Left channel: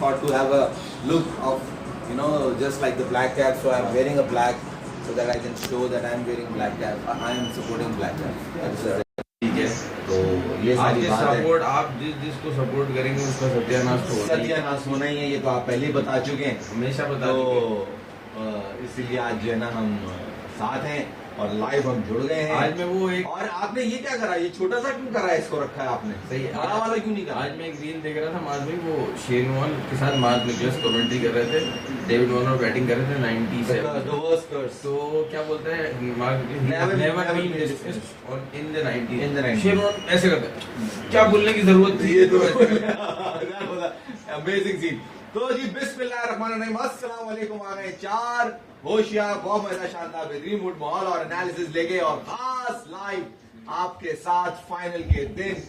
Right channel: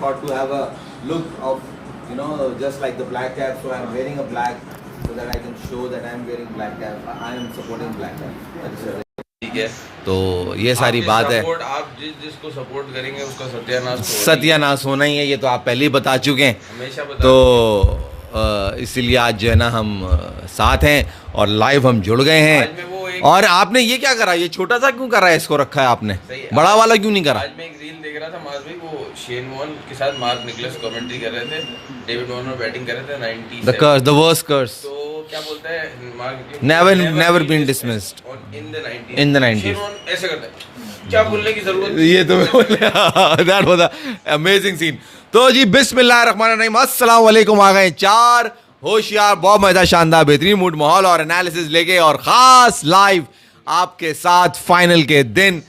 thought to have a look of, you know, just like the black cap. So I'm wearing a black so that I can show that I'm wearing black cap. I am supporting black cap. ठीक है, तो ये सारी बात है। आप जिसको support करेंगे उसका सत्यानाश होना ही है, ये तो आप पहले ही बता चुके हैं। हमेशा बता तो इसीलिए आज जो है ना हम साथ हैं और लाइव हम जुड़ गए हैं। और आपने ये क्या करा, ये छोटा सा क्यों करा है, इसको रखा है आपने, बड़ा वाला क्यों नहीं करा? आज मैं एक रील देख रहा था मार्क, वो शेन वॉर्न के साथ मार्क निकलस कमेंट्री कर रहे थे, डेविड वॉर्नर बैटिंग कर रहे थे 90 the worst curse, तो क्या बोलता है Mark, never been dismissed in the 90s। Shane Warne ऐसे करता है, क्या बोलने की जरूरत, ये तो that was an amazing scene। तो जी बिस्मिल्लाहिर्रहमानिर्रहीम, अस्सलाम वालेकुम। आ गए चार होशियार, बहुत मजा, शानदार, बेहतरीन मूड, माहौल और एनालिसिस लेके, और खास लाइव आपके साथ फाइनल के दिन,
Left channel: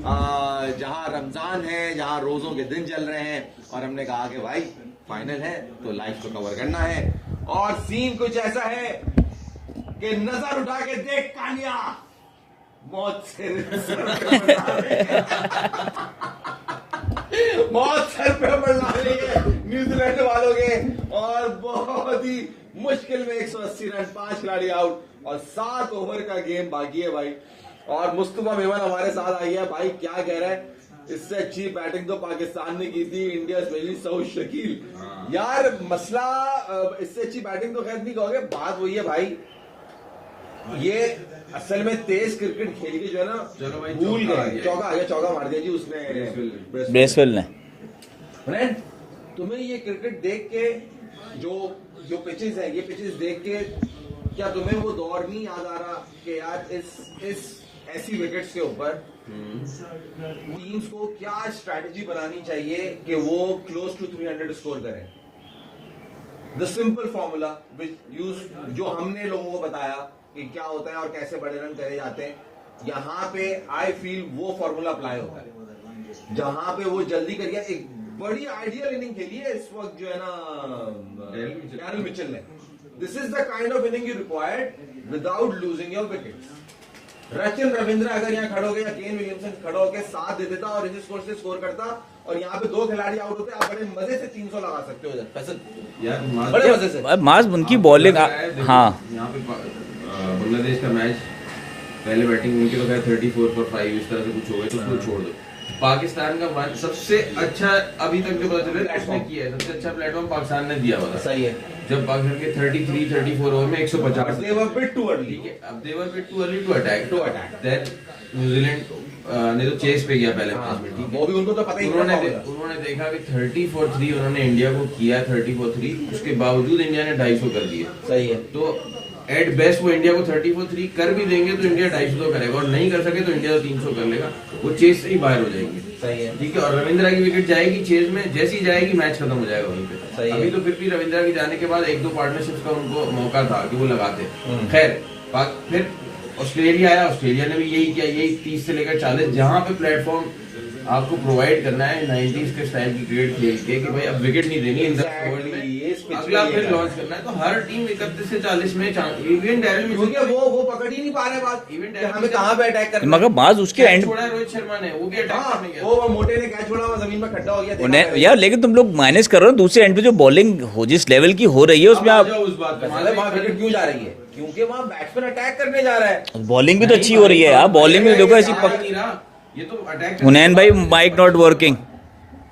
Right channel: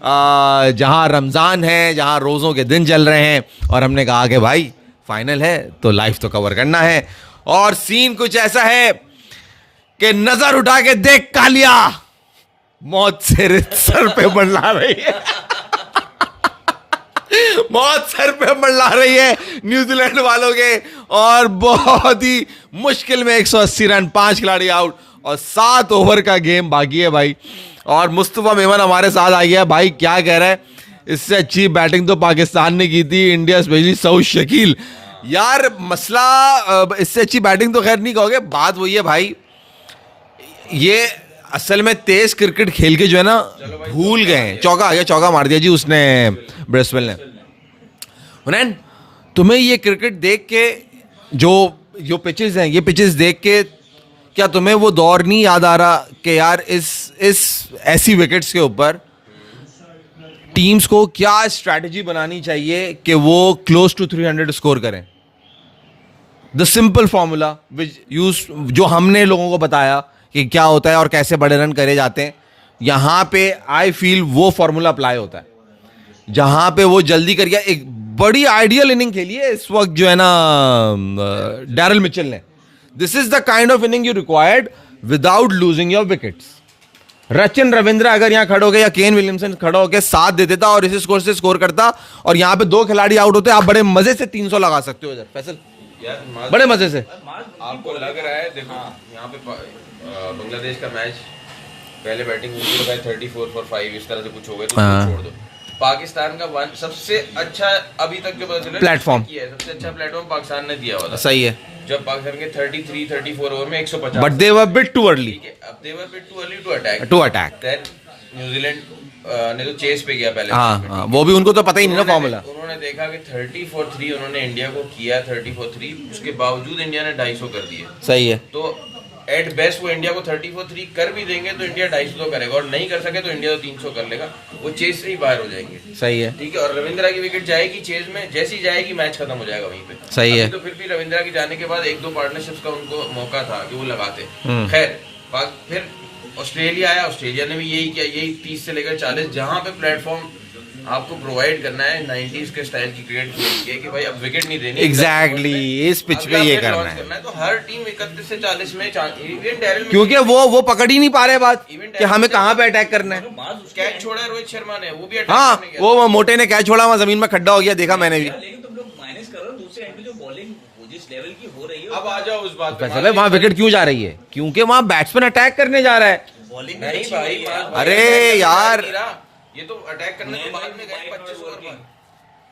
जहां रमज़ान है, जहां रोज़ों के दिन चल रहे हैं, और हमने कहा कि भाई फाइनल है तो लाइव तो कवर करना है। और सीन कुछ ऐसा है कि नजर उठा के देख कालिया, मौत से सर पे मंडला रही है मौत सर पे मंडला रही है न्यूजीलैंड वालों के, और बहुत ही मुश्किल में 180 रन, 5 खिलाड़ी आउट और 7 ओवर का गेम बाकी है भाई। और मुस्तफा मेमन हमारे साथ आ गया भाई, क्या कह रहा है, इससे अच्छी बैटिंग तो पाकिस्तान ने की थी, इंडिया स्पेशली सऊद शकील। यार मसला, इससे अच्छी बैटिंग तो खैर नहीं कहोगे, बात वही है भाई, ये असल में तेज क्रिकेट खेल के जो है ना भूल गए हैं। चौका आ गया, चौका मार दिया जी उसने, ब्रेसवेल ने। हुनैन, तुम्हें ये क्रिकेट देख के, जो पिचेस हैं, ये पिचेस देख के क्या तुम्हें वो दौर नहीं याद आ रहा कि यार इस ऐसी विकेट्स के ऊपर टीम्स को क्या स्ट्रैटेजी बनानी चाहिए कि वो क्लोज टू 300 स्कोर करें? The simple formula which use, जो हमने लोगों को बताया कि क्या होता है और कैसे बड़े रन करे जाते हैं, यहां पे आई फील वो फॉर्मूला अप्लाई होता है। जहां पे वो जल्दी कर गया, एक बड़ी आइडियल इनिंग खेली है इस वक्त जो है ना डैरल मिचेल ने। This is the kind of inning you required without losing your wickets. Rachin Ravindra अगर यहाँ खड़े हो गए या केन विलियमसन खड़ा होकर साथ दे देता और इसी स्कोर से स्कोर करता, और यहाँ पे 2 खिलाड़ी आउट होते, आप बड़े मजे से 300 लगा सकते हो फैसल, बड़े मजे से। मास उनकी बॉलिंग, हाँ यहाँ पे बांग्लादेश का मैच पहले बैटिंग उनकी होता है 34 for 5, इस तरह से कुछ हो गया तो छोड़ दो। पाकिस्तान का सबसे अच्छा अभी तक जो पता चला प्लेटफॉर्म किया है, सबसे अच्छा प्लेटफॉर्म पाकिस्तान ने दिया हुआ था। सही है, जब पाकिस्तान के 34 ओवर में 150, but they were bit too early, अब they were bit too early to attack. That New Zealand ने तो चेस पे गया पहले। हाँ, वो भी उनको तो पता ही नहीं ना फॉर्मूला। उन्होंने देखा कि 30 for 3 उन्होंने इंडिया को किया, 30 for 3, उसके बावजूद इंडिया ने 250 कर दिए। सही है, तो एट बेस्ट वो इंडिया को 30 for 3 कर भी देंगे तो इंडिया 250 तो करेगा, और नहीं कर सके तो इंडिया तो 300 कर लेगा, वो चेस से ही बाहर हो जाएंगे। सही है, ठीक है। और रविंद्रा की विकेट जाएगी चेस में, जैसी जाएगी मैच खत्म हो जाएगा वहीं पे। सही है। तो फिर भी रविंद्रा के जाने के बाद 1-2 पार्टनरशिप्स का उनको मौका था कि वो लगाते। खैर फिर ऑस्ट्रेलिया आया, ऑस्ट्रेलिया ने भी यही किया, यही 30 से लेकर 40, जहां पे प्लेटफॉर्म आपको प्रोवाइड करना है 90s के स्टाइल की क्रिकेट खेल के, कि भाई अब विकेट नहीं देनी, एग्जैक्टली इस पिच पे ये करना है। तो हर टीम 31 से 40 में इवन डैरेल, क्योंकि वो पकड़ ही नहीं पा रहे बात कि हमें कहाँ पे अटैक करना है। मगर बाज उसके एंड छोड़ा रोहित शर्मा ने, वो भी अटैक हाँ, करने गया। वो मोटे ने कैच छोड़ा, वहां जमीन में खड्डा हो गया, देखा मैंने यार, लेकिन तुम लोग माइनस कर रहे हो दूसरे एंड पे जो बॉलिंग हो जिस लेवल की हो रही है उसमें आप वहां विकेट क्यों जा रही है, क्योंकि वहां बैट्समैन अटैक करने जा रहा है। बॉलिंग भी तो अच्छी हो रही है यार, बॉलिंग में यार ये तो अटैक। हुनैन भाई माइक नॉट वर्किंग,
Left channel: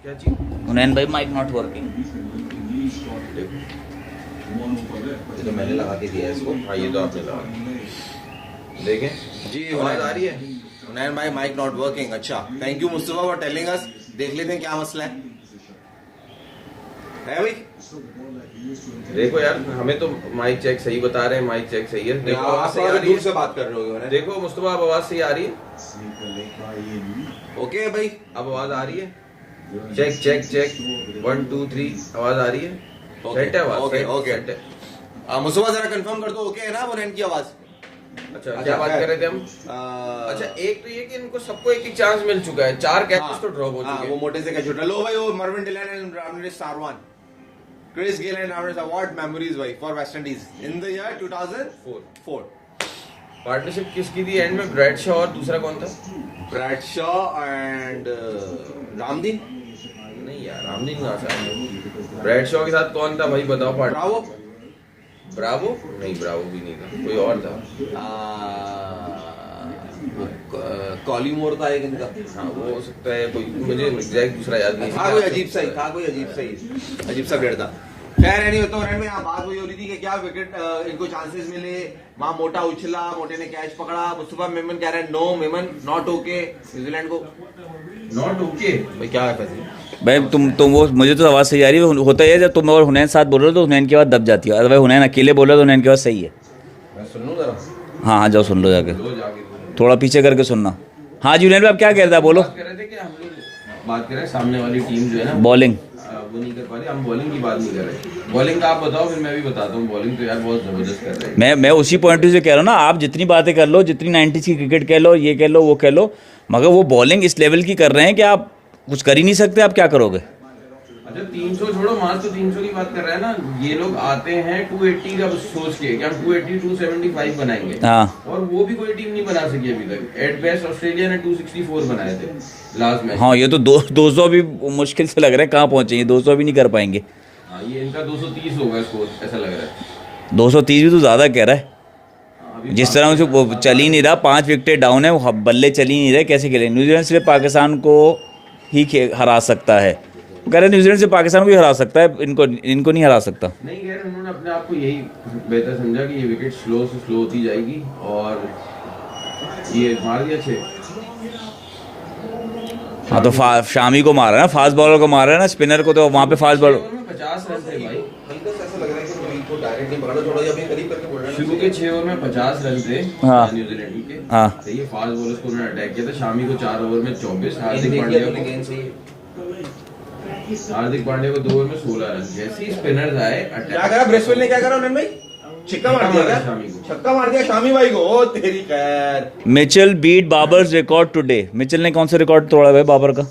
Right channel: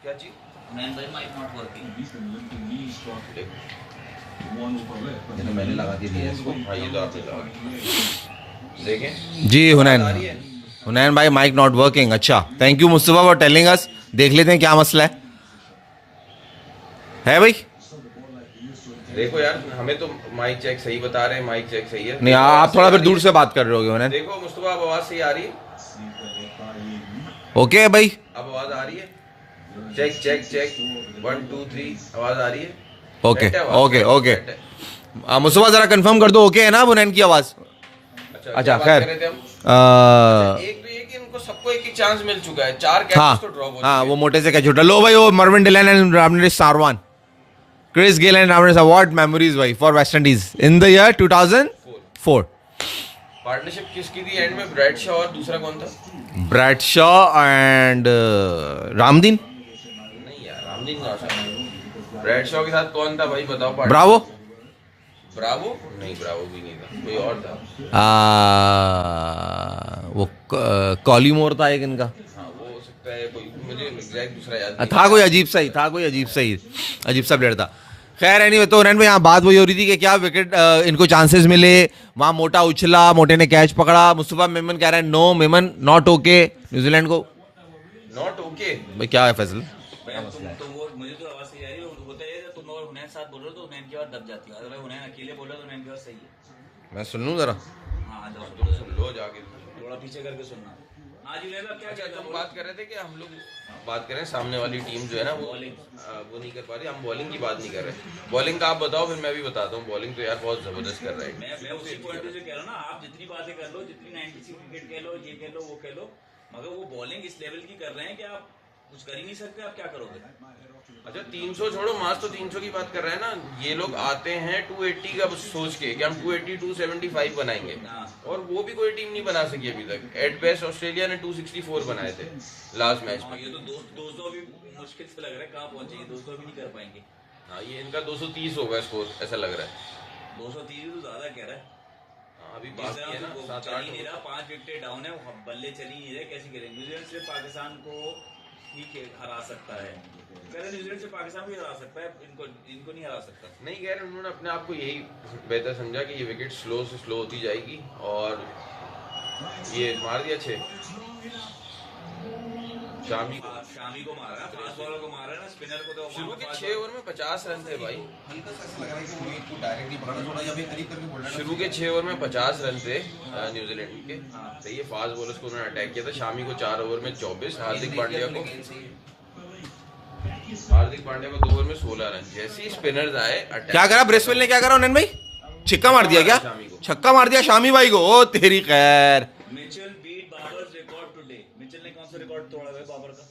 क्या चीज? हुनैन भाई माइक नॉट वर्किंग। ये तो मैंने लगा के दिया इसको। हाँ, ये तो आपने लगा देखें जी। हुनैन भाई माइक नॉट वर्किंग, अच्छा, thank you Mustafa for telling us. देख लेते हैं क्या मसला है भाई। देखो यार, हमें तो माइक चेक सही बता रहे हैं, माइक चेक सही है। नहीं, आप थोड़ा फिर दूर से बात कर रहे हो। देखो मुस्तफा, अब आवाज सही आ रही है? ओके भाई, अब आवाज आ रही है? चेक चेक चेक 1 2 3, आवाज आ रही है? ओके ओके ओके, मुस्तफा जरा कंफर्म कर दो ओके है ना हुनैन की आवाज? अच्छा खैर, एक तो ये कि इनको सबको एक चांस मिल चुका है, 4 कैचेस तो ड्रॉप हो चुके हैं। हाँ, वो मोटे से कैच उठा लो भाई, वो Mervyn Dillon and Ramnaresh Sarwan, Chris Gayle and Ramnaresh, what memories भाई for West Indies in the year 2004। Partnership किसकी थी एंड में? ब्रैड शॉ और दूसरा कौन था? Brad Shaw and Ramdin. नहीं यार, नाम नहीं ना। ब्रैडशॉ के साथ कौन था भाई बताओ? ब्रावो ब्रावो नहीं, ब्रावो भी नहीं था, कोई और था। वो कॉलीमोर था एक इनका। हाँ वो हो सकता है, कोई मुझे एग्जैक्ट दूसरा याद नहीं था, कोई अजीब सा प्लेयर था। खैर एनीवे, तो रन में यहाँ बात वही हो रही थी कि क्या विकेट इनको चांसेस मिले, वहाँ मोटा उछला, मोटे ने कैच पकड़ा। मुस्तफा मेमन कह रहे हैं no, Memon not okay New Zealand को। नॉट ओके भाई क्या है फैसला? भाई तुम वो, मुझे तो आवाज़ सही आ रही है। होता है जब तुम और हुनैन साथ बोल रहे हो तो हुनैन की आवाज़ दब जाती है, अगर हुनैन अकेले बोल रहे हो तो हुनैन की आवाज़ सही है। मैं सुन लूँ जरा। हाँ हाँ, जाओ सुन लो जाके, लो जाके थोड़ा पीछे करके सुनना। हाँ जी हुनैन भाई, आप क्या कह रहे थे, बोलो। बात कर रहे थे कि हम लोग बात कर रहे हैं सामने वाली टीम जो है ना बॉलिंग वो नहीं कर पा रही। हम बॉलिंग की बात नहीं कर रहे। बॉलिंग का आप बताओ, फिर मैं भी बताता हूँ। बॉलिंग तो यार बहुत जबरदस्त कर रहे हैं। मैं उसी पॉइंट से कह रहा हूँ ना, आप जितनी बातें कर लो, जितनी 90s की क्रिकेट कह लो, ये कह लो, वो कह लो, मगर वो बॉलिंग इस लेवल की कर रहे हैं कि आप कुछ कर ही नहीं सकते। आप क्या करोगे? अच्छा 300 छोड़ो, मार्च तो 300 की बात कर रहा है ना। ये लोग आते हैं 280 का सोच के कि हम 280 275 बनाएंगे। हाँ, और वो भी कोई टीम नहीं बना सकी अभी तक। एट बेस्ट ऑस्ट्रेलिया ने 264 बनाए थे लास्ट मैच। हाँ, ये तो 200 भी मुश्किल से लग रहा है, कहाँ पहुँचेंगे, 200 भी नहीं कर पाएंगे। हाँ ये इनका 230 होगा स्कोर, ऐसा लग रहा है। 230 भी तो ज़्यादा कह रहा है। अभी जिस तरह से वो चल ही नहीं रहा, 5 विकेटें डाउन है, वो बल्ले चल ही नहीं रहे, कैसे खेले? न्यूजीलैंड सिर्फ पाकिस्तान को ही हरा सकता है। वो कह रहे हैं न्यूजीलैंड से पाकिस्तान को ही हरा सकता है, इनको नहीं हरा सकता। नहीं कह रहे, उन्होंने अपने आप को यही बेहतर समझा कि ये विकेट स्लो से स्लो होती जाएगी और ये मार दिया 6। हाँ तो शामी को मारा है ना, फास्ट बॉलर को मारा है ना, स्पिनर को तो वहाँ पे फास्ट बॉलर। 50 रन थे भाई। हल्का सा ऐसा लग रहा है कि वो इनको डायरेक्ट नहीं पकड़ा, थोड़ा अभी करीब करके बोल रहे हैं। शुरू के 6 ओवर में 50 रन थे हाँ। न्यूजीलैंड के। हाँ। सही है, फास्ट बॉलर्स को उन्होंने अटैक किया था। शामी को 4 ओवर में 24, हार्दिक पांड्या को 2 ओवर में 16 रन। जैसे ही स्पिनर्स आए, क्या करा ब्रेसवेल ने, क्या करा उन्हें भाई? छिक्का मार दिया क्या? छक्का मार दिया शामी भाई को। ओ तेरी खैर। Mitchell beat Babar's record today. Mitchell ने कौन सा रिकॉर्ड तोड़ा भाई बाबर का?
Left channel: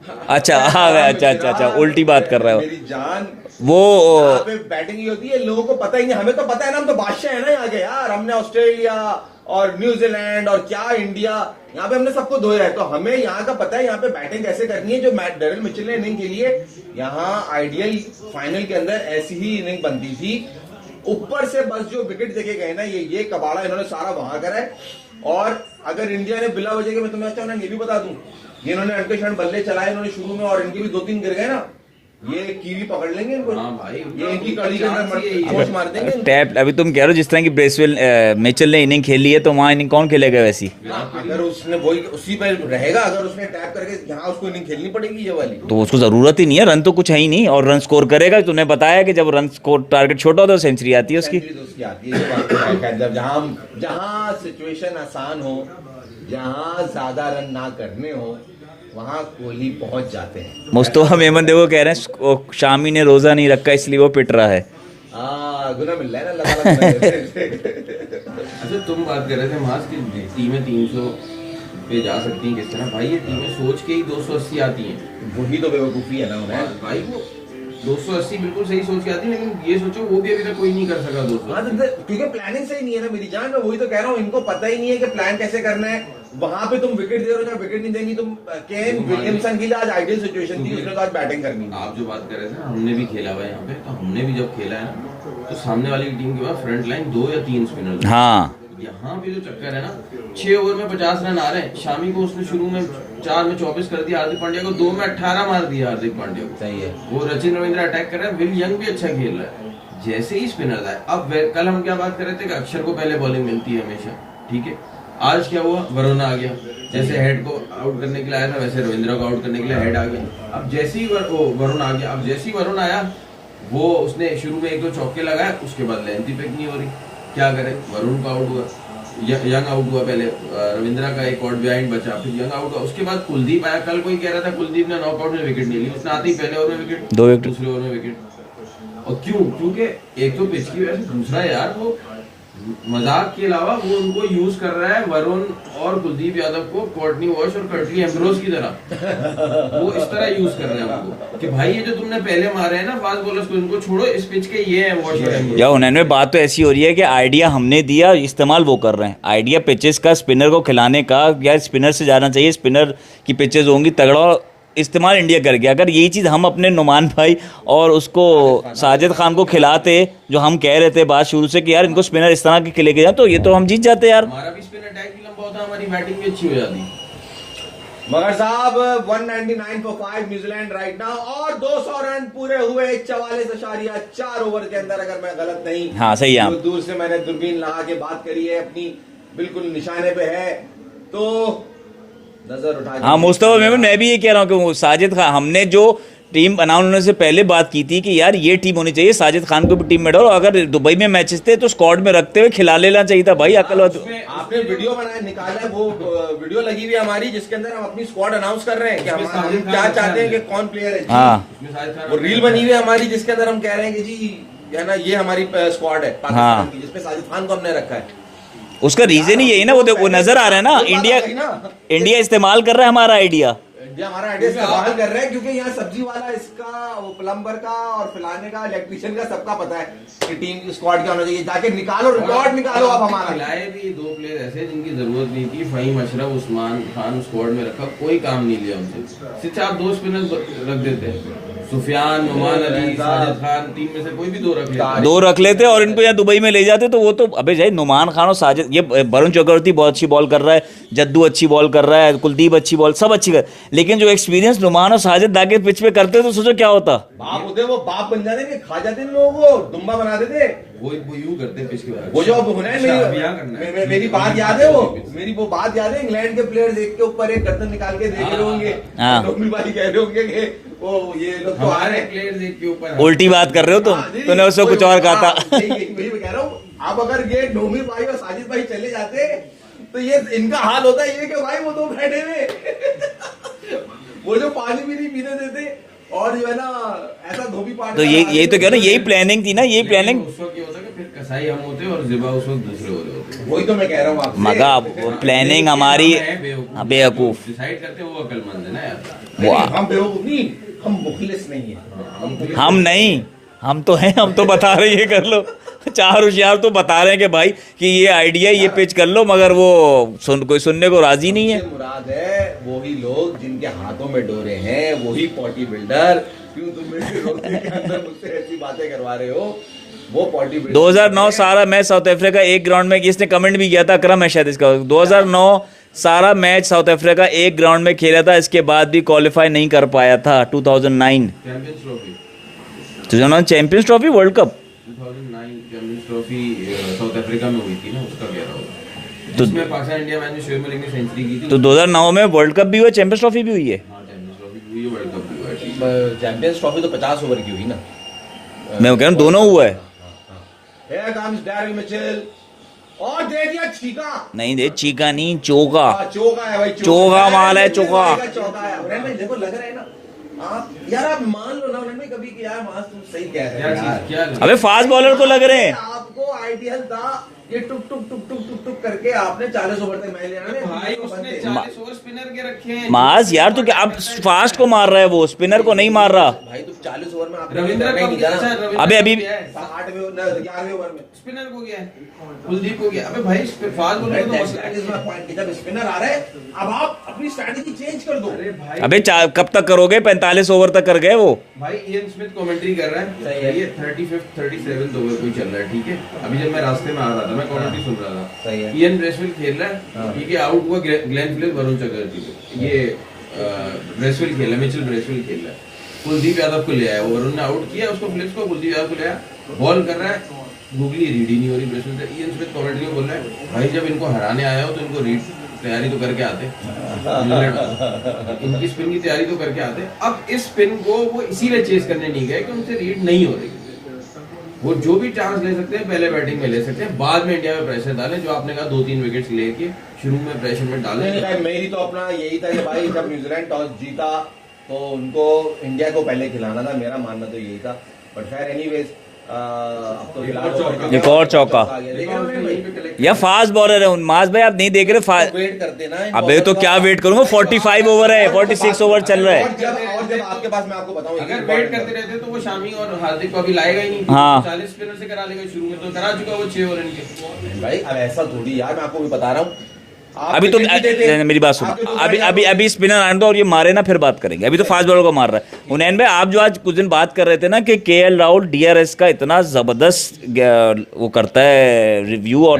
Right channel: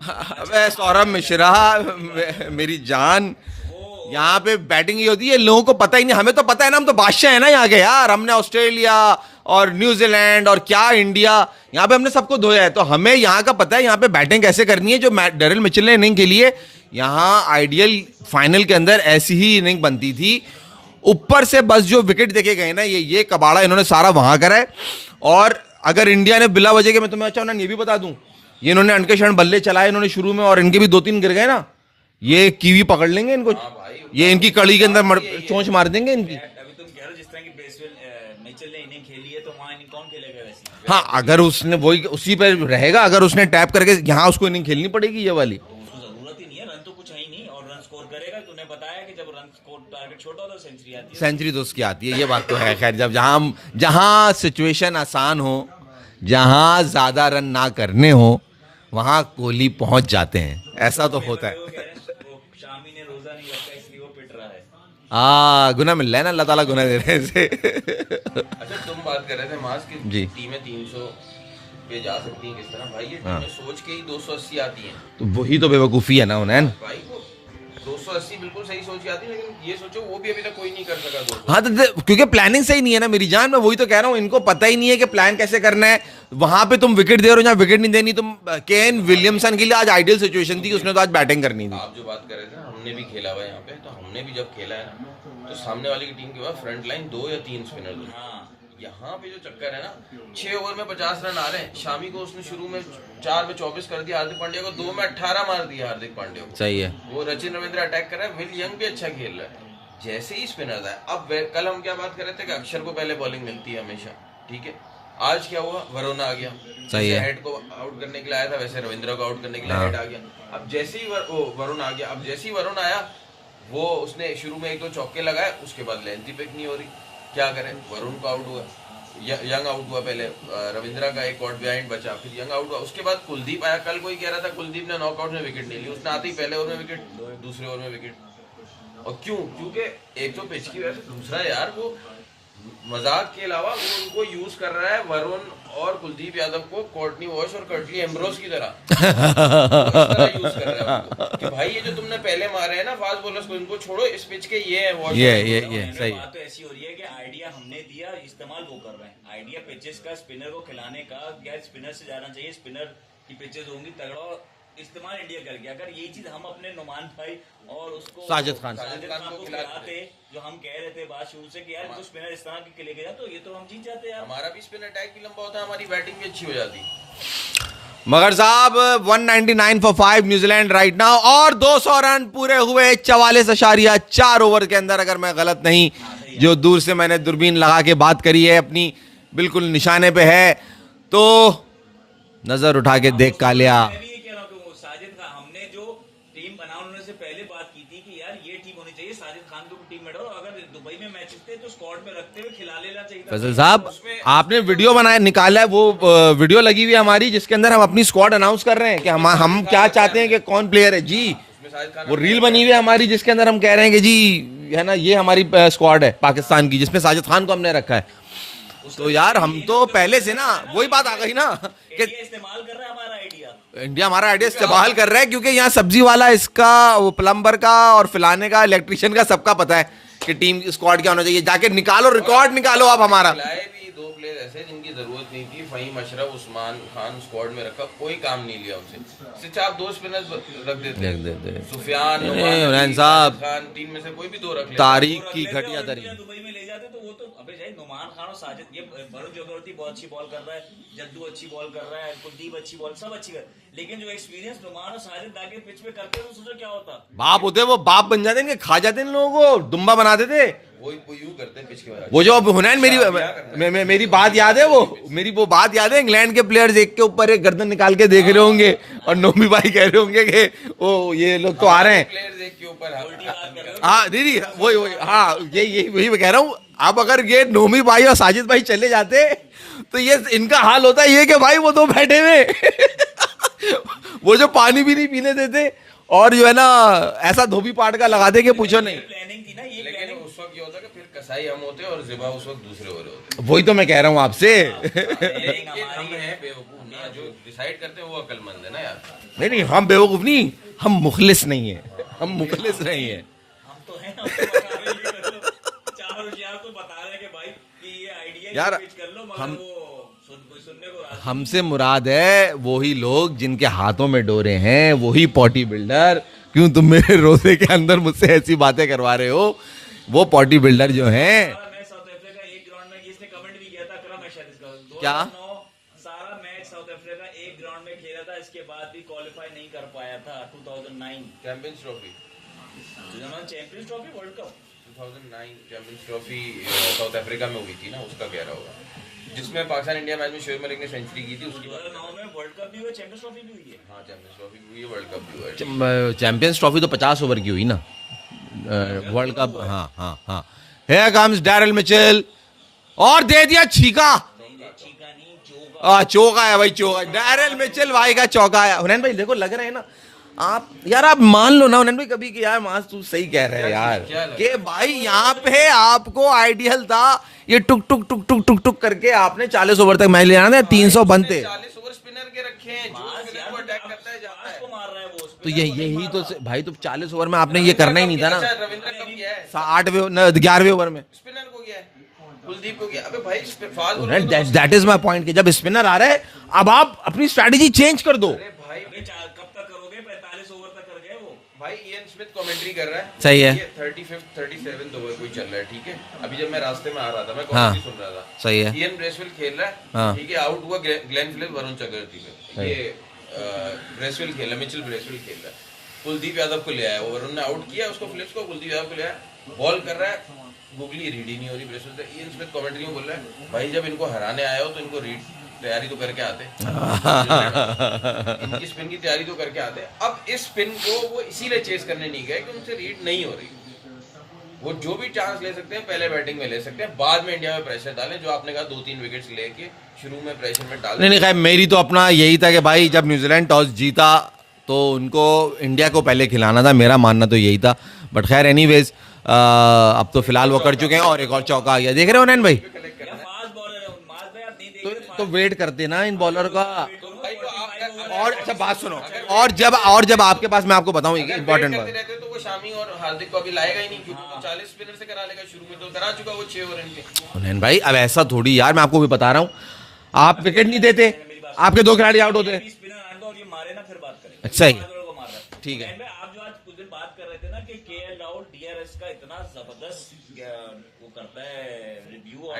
अच्छा हाँ, अच्छा, उल्टी बात कर रहा है मेरी जान। वो यहाँ पे बैटिंग ही होती है, लोगों को पता ही नहीं। हमें तो पता है ना, हम तो बादशाह है ना यहाँ के यार। हमने ऑस्ट्रेलिया और न्यूजीलैंड और क्या इंडिया, यहाँ पे हमने सबको धोया है, तो हमें यहाँ का पता है यहाँ पे बैटिंग कैसे करनी है। जो डेरिल मिचेल ने इनिंग खेली है यहाँ, आइडियल फाइनल के अंदर ऐसी ही इनिंग बनती थी। ऊपर से बस जो विकेट देखे गए ना, ये कबाड़ा इन्होंने सारा वहां करा है। और अगर इंडिया ने बिला वजह के, मैं तुम्हें अच्छा ये भी बता दूं, ये इन्होंने अनके क्षण बल्ले चलाए इन्होंने शुरू में, और इनके भी 2-3 गिर गए ना, ये कीवी पकड़ लेंगे इनको। ये इनकी कड़ी के अंदर चोंच मार देंगे। टैप अभी तुम कह रहे हो जिस तरह की ब्रेसवेल मिचेल ने इनिंग खेली है, तो वहाँ इनिंग कौन खेलेगा वैसी? हाँ, अगर उसने वही उसी पे रहेगा, अगर उसने टैप करके यहाँ उसको इनिंग खेलनी पड़ेगी ये वाली। तो उसको जरूरत ही नहीं है, रन तो कुछ है ही नहीं, और रन स्कोर करेगा। तुमने बताया कि जब रन स्कोर टारगेट छोटा होता है सेंचुरी आती है उसकी। सेंचुरी तो उसकी आती है, ये बात तो है। खैर, जब जहाँ सिचुएशन आसान हो, जहाँ ज्यादा रन ना करने हो, वहाँ कोहली पहुंच जाते हैं। मुस्तफा मेमन देखो कह रहे हैं शामी ने रोजा नहीं रखा इसलिए वो पिट रहा है। गुना मिल रहा है ना, अल्लाह ताला गुना दे रहे थे। अच्छा तुम बात कर रहे थे मास की टीमें 300 पे जा सकती हैं किस तरह। भाई ये टीमें सोच के ही 280 आती हैं। तो वही तो बेवकूफ़ी है ना उन्हें। भाई वो 280 बिल्कुल सही सोच के आती है, लेकिन ये सोचो वो भी अभी तक कोई नहीं कर सका 200। हाँ तो क्योंकि प्लानिंग सही नहीं है ना मेरी जान। मैं वही तो कह रहा हूँ, इनको पता ही नहीं है कि प्लान कैसे करना है। वहां पे तुम विकेट दे रहे हो जहाँ विकेट नहीं देनी। तुम केन विलियमसन के लिए आज आइडियल सिचुएशन थी, उसने तो आज बैटिंग करनी थी। आप जो बात कर रहे थे ना, हमने भी खेला हुआ यहाँ पे, तो हमने भी जब खेला है ना, तो सामने वाली टीम के पास फ्रंट लाइन 2 या 3 स्पिनर। हाँ, यहाँ पे जो चक्कर है ना, 6 ओवर में 50 रन आ रहे हैं। शामी को उसने शुरू में 4 में 24 कर दिया, हार्दिक पांड्या को 2 में 18 मार दिया। हार्दिक पांड्या को सही है। वो रचिन रविंद्र अटैक कर रहा है, विल यंग भी अच्छा खेल रहा है। जैसे ही स्पिनर आए, अब कल हम क्या बात कर रहे थे कि अक्षर को पहले बॉलिंग मिलती है हमेशा, ठीक है। आज क्या हुआ, वरुण आ गया। जैसे हेड को आउट करने के लिए आया था, वैसे रविंद्र को आउट करने के लिए हेड आ गया। अब जैसे ही वरुण आ गया, अब जैसे ही वरुण आया, वो उसने शुरू में 1-2 चौके लगाए, उसके बाद लेंथ ही पिक नहीं हो रही। क्या करे, वरुण का आउट हुआ, यंग आउट हुआ, पहले रविंद्रा का एक आउट बिहाइंड बचा, फिर यंग आउट हुआ, उसके बाद कुलदीप आया। कल कोई कह रहा था कुलदीप ने नॉकआउट में विकेट नहीं ली, उसने आते ही पहले ओवर में विकेट, 2 विकेट, दूसरे ओवर में विकेट। और क्यों? क्योंकि एक तो पिच की वजह से, दूसरा यार वो मजाक के अलावा वो उनको यूज कर रहा है, वरुण और कुलदीप यादव को कॉर्टनी वॉश और कर्टली एम्ब्रोस की तरह। वो इस तरह यूज कर रहे हैं उनको कि भाई ये जो तुमने पहले मारे हैं ना फास्ट बॉलर्स को, इनको छोड़ो, इस पिच के ये है वॉश। या उन्होंने बात तो ऐसी हो रही है कि आइडिया हमने दिया, इस्तेमाल वो कर रहे हैं। आइडिया पिचेस का, स्पिनर को खिलाने का, या स्पिनर से जाना चाहिए, स्पिनर की पिचेस होंगी तगड़ा इस्तेमाल इंडिया कर गया। अगर यही चीज़ हम अपने नुमान भाई और उसको साजिद खान को खिलाते, जो हम कह रहे थे बात शुरू से कि यार इनको स्पिनर इस तरह के लेके जाए, तो ये तो हम जीत जाते यार। हमारा भी स्पिन अटैक भी लंबा होता, हमारी बैटिंग भी अच्छी हो जाती। मगर साहब 199 फॉर 5 न्यूजीलैंड राइट नाउ, और 200 रन पूरे हुए 44.4 ओवर के अंदर, अगर मैं गलत नहीं। हाँ सही है। जो दूर से मैंने दूरबीन लगा के बात करी है अपनी, बिल्कुल निशाने पे है, तो नजर उठा के देख लिया। मैं भी ये कह रहा हूँ कि वो साजिद खान, हमने जो टीम अनाउंस होने से पहले बात की थी कि यार ये टीम होनी चाहिए, साजिद खान को भी टीम में डालो, अगर दुबई में मैचेस थे तो स्क्वाड में रखते हुए खिला लेना चाहिए था भाई। आपने वीडियो बनाया, निकाला है, वो वीडियो लगी हुई है हमारी, जिसके अंदर हम अपनी स्क्वाड अनाउंस कर रहे हैं कि हम क्या चाहते हैं कि कौन प्लेयर है जी। वो रील बनी हुई है हमारी, जिसके अंदर हम कह रहे हैं कि जी है ना, ये हमारी स्क्वाड है पाकिस्तान की, जिसमें साजिद खान को हमने रखा है। उसका रीजन ही यही ना, वो देखो नजर आ रहा है ना, इंडिया इस्तेमाल कर रहा है हमारा आइडिया। इंडिया हमारा आइडिया इस्तेमाल कर रहा है, क्योंकि यहाँ सब्जी वाला, इसका, वो प्लम्बर का और फिलाने का, इलेक्ट्रिशियन का, सबका पता है कि टीम स्क्वाड क्या होना चाहिए। जाके निकालो, रिकॉर्ड निकालो आप हमारा। खिलाए भी 2 प्लेयर ऐसे जिनकी जरूरत नहीं थी, फहीम अशरफ, उस्मान खान स्क्वाड में रखा, कोई काम नहीं लिया उनसे। सिर्फ आप 2 स्पिनर्स रख देते, सुफियान, खान, टीम में से कोई भी 2 रख लेते और इनको यहाँ दुबई में ले जाते, तो वो तो अबे जाए नुमान खान और साजिद, ये वरुण चक्रवर्ती बहुत अच्छी बॉल कर रहा है, जद्दू अच्छी बॉल कर रहा है, कुलदीप अच्छी बॉल, सब अच्छी कर, लेकिन जो एक्सपीरियंस नुमान और साजिद दागे पिच पे करते तो सोचो क्या होता। बाप होते, वो बाप बन जाते, खा जाते इन लोगों को, दुम्बा बना देते। वो यूं करते हैं पिच के बाद। वो जो हुनैन, मेरी बात याद है, मेरी वो बात याद है, इंग्लैंड के प्लेयर्स एक के ऊपर एक गर्दन निकाल के देख रहे होंगे, और नोमी भाई कह रहे होंगे कि ओ ये लोग तो आ रहे हैं, प्लेयर्स एक के ऊपर उल्टी बात कर रहे हो तूने उससे कुछ और कहा था। वही मैं कह रहा हूँ। अब अगर ये नोमी भाई और साजिद भाई चले जाते तो ये इनका हाल होता है ये कि भाई वो 2 बैठे हुए वो जो पानी भी नहीं पीने देते, और जो है ना ऐसा धोबी पाट का लगा देंगे। तो यही प्लानिंग थी ना, यही प्लानिंग। उस वक्त ये होता कि फिर कसाई हम होते और जिबा उस वक्त दूसरे हो रहे होते। वही तो मैं कह रहा हूँ आपसे, प्लानिंग हमारी बेवकूफ। डिसाइड करते वो अकलमंद है ना यार। हम बेवकूफ नहीं, हम मुखलिस नहीं है। हम नहीं, हम तो हैं, हम तो बता रहे ये कर लो। 4 होशियार तो बता रहे हैं कि भाई कि ये आइडिया, ये पिच कर लो, मगर वो कोई सुनने को राजी नहीं है। मुराद है वही लोग जिनके हाथों में डोरे हैं, वही पॉटी बिल्डर। क्यों तुम मेरे रोजे के अंदर मुझसे ऐसी बातें करवा रहे हो? वो पॉटी बिल्डर 2009 सारा मैच साउथ अफ्रीका एक ग्राउंड में, इसने कमेंट भी किया था, अकरम है शायद इसका, 2009 सारा मैच साउथ अफ्रीका एक ग्राउंड में खेला था, इसके बाद भी क्वालिफाई नहीं कर पाया था। 2009 champions trophy world cup 2009 champions trophy south Africa में हुई थी ना, उसका कह रहा हूँ, जिसमें पाकिस्तान इंडिया मैच में शुएब मलिक ने सेंचुरी की थी। तो 2009 में वर्ल्ड कप भी हुआ, चैंपियंस ट्रॉफी भी हुई है। हां चैंपियंस ट्रॉफी भी हुई है, वर्ल्ड कप भी हुआ है। चैंपियंस ट्रॉफी तो 50 ओवर की हुई ना, मैं कह रहा हूं दोनों हुआ है। हां हियर कम्स डैरिल मिचेल, और दे दिया छीका। नहीं दे छीका नहीं, चौका। चौका है भाई, चौका माल है, चौका भाई का चौका है। हुनैन भाई देखो लग रहा है ना आप, यार आप मान लो ना हुनैन भाई कभी कि यार मास तू सही कह रहे हैं यार। अबे फास्ट बॉलर को लग रहे हैं। आपको आइडियल था ये टुक टुक टुक टुक टुक टुक करके आपने 40 ओवर तक मैच ले जाना था, 300 बनते। 40 ओवर स्पिनर के रखे हैं मास यार, तो क्या अब फास्ट को मार रहा है, वो स्पिनर को नहीं मार रहा भाई। तो 40 ओवर में आपने ये करना ही नहीं था ना। अबे अभी 11वें ओवर में स्पिनर को गया है, कुलदीप हो गया। अबे भाई fast bowler, that is my point कि जब स्पिनर आ रहा है अब आप अपनी स्ट्रेटजी चेंज कर दो। अबे कब तक करोगे? 45 ओवर तक कर गए वो भाई। इयन स्मिथ कमेंट्री कर रहा है, सही है। ये 35th 37th ओवर कोई चल रहा है, ठीक है। अभी जब मैं रास्ते में आ रहा था, मैं कमेंट्री सुन रहा था, सही है। इयन ब्रेसवेल खेल रहा है, ठीक है। आउट हुआ ग्लेन फिलिप्स, वरुण चक्रवर्ती। ये ब्रेसवेल खेला, मिचेल ब्रेसवेल खेल रहा है, कुलदीप यादव को ले आया, वरुण ने आउट किया उसको, फिलिप्स को, कुलदीप यादव को ले आया, बॉल कर रहा है, गूगली रीड ही नहीं हो रही ब्रेसवेल से। इयन स्मिथ कमेंट्री में बोल रहा है, भाई जब इनको हराने आए हो तो इनको रीड तैयारी तो करके आते, इनकी स्पिन की तैयारी तो करके आते। अब इस स्पिन को वो इसीलिए चेस करने नहीं गए कि उनसे रीड नहीं हो रही। वो जो भी चांस ले सकते हैं पहले बैटिंग में ले सकते हैं, बाद में इंडिया में प्रेशर डालें, जो आपने कहा 2-3 विकेट्स लेके शुरू में प्रेशर में डालें। नहीं खैर मेरी तो अपना यही था कि भाई जब न्यूजीलैंड टॉस जीता तो उनको इंडिया को पहले खिलाना था, मेरा मानना तो यही था। बट खैर एनीवेज अब तो फिलहाल वो कर चुके हैं, और चौका आ गया। देख रहे हो नैन भाई, या फास्ट बॉलर है मास भाई, आप नहीं देख रहे? वेट करते ना इन अबे तो क्या वेट करूंगा, 45 ओवर है, 46 ओवर चल रहा है। और जब आपके पास, मैं आपको बताऊं इंपॉर्टेंट करते रहते तो वो शामी और हार्दिक को अभी लाएगा ही नहीं। हाँ 40 स्पिनर से करा लेगा, शुरू में तो करा चुका वो 6 ओवर इनके। नैन भाई अब ऐसा थोड़ी यार, मैं आपको भी बता रहा हूँ आप अभी विकेट नहीं देते, मेरी बात सुनो, आपके 2 खिलाड़ी out हो गए। अभी स्पिनर आने दो और ये मारे ना, फिर बात करेंगे। अभी तो सही। फास्ट बॉलर को मार रहा है हुनैन भाई। आप जो आज कुछ दिन बात कर रहे थे ना कि केएल राहुल डीआरएस का इतना जबरदस्त वो करता है रिव्यू, और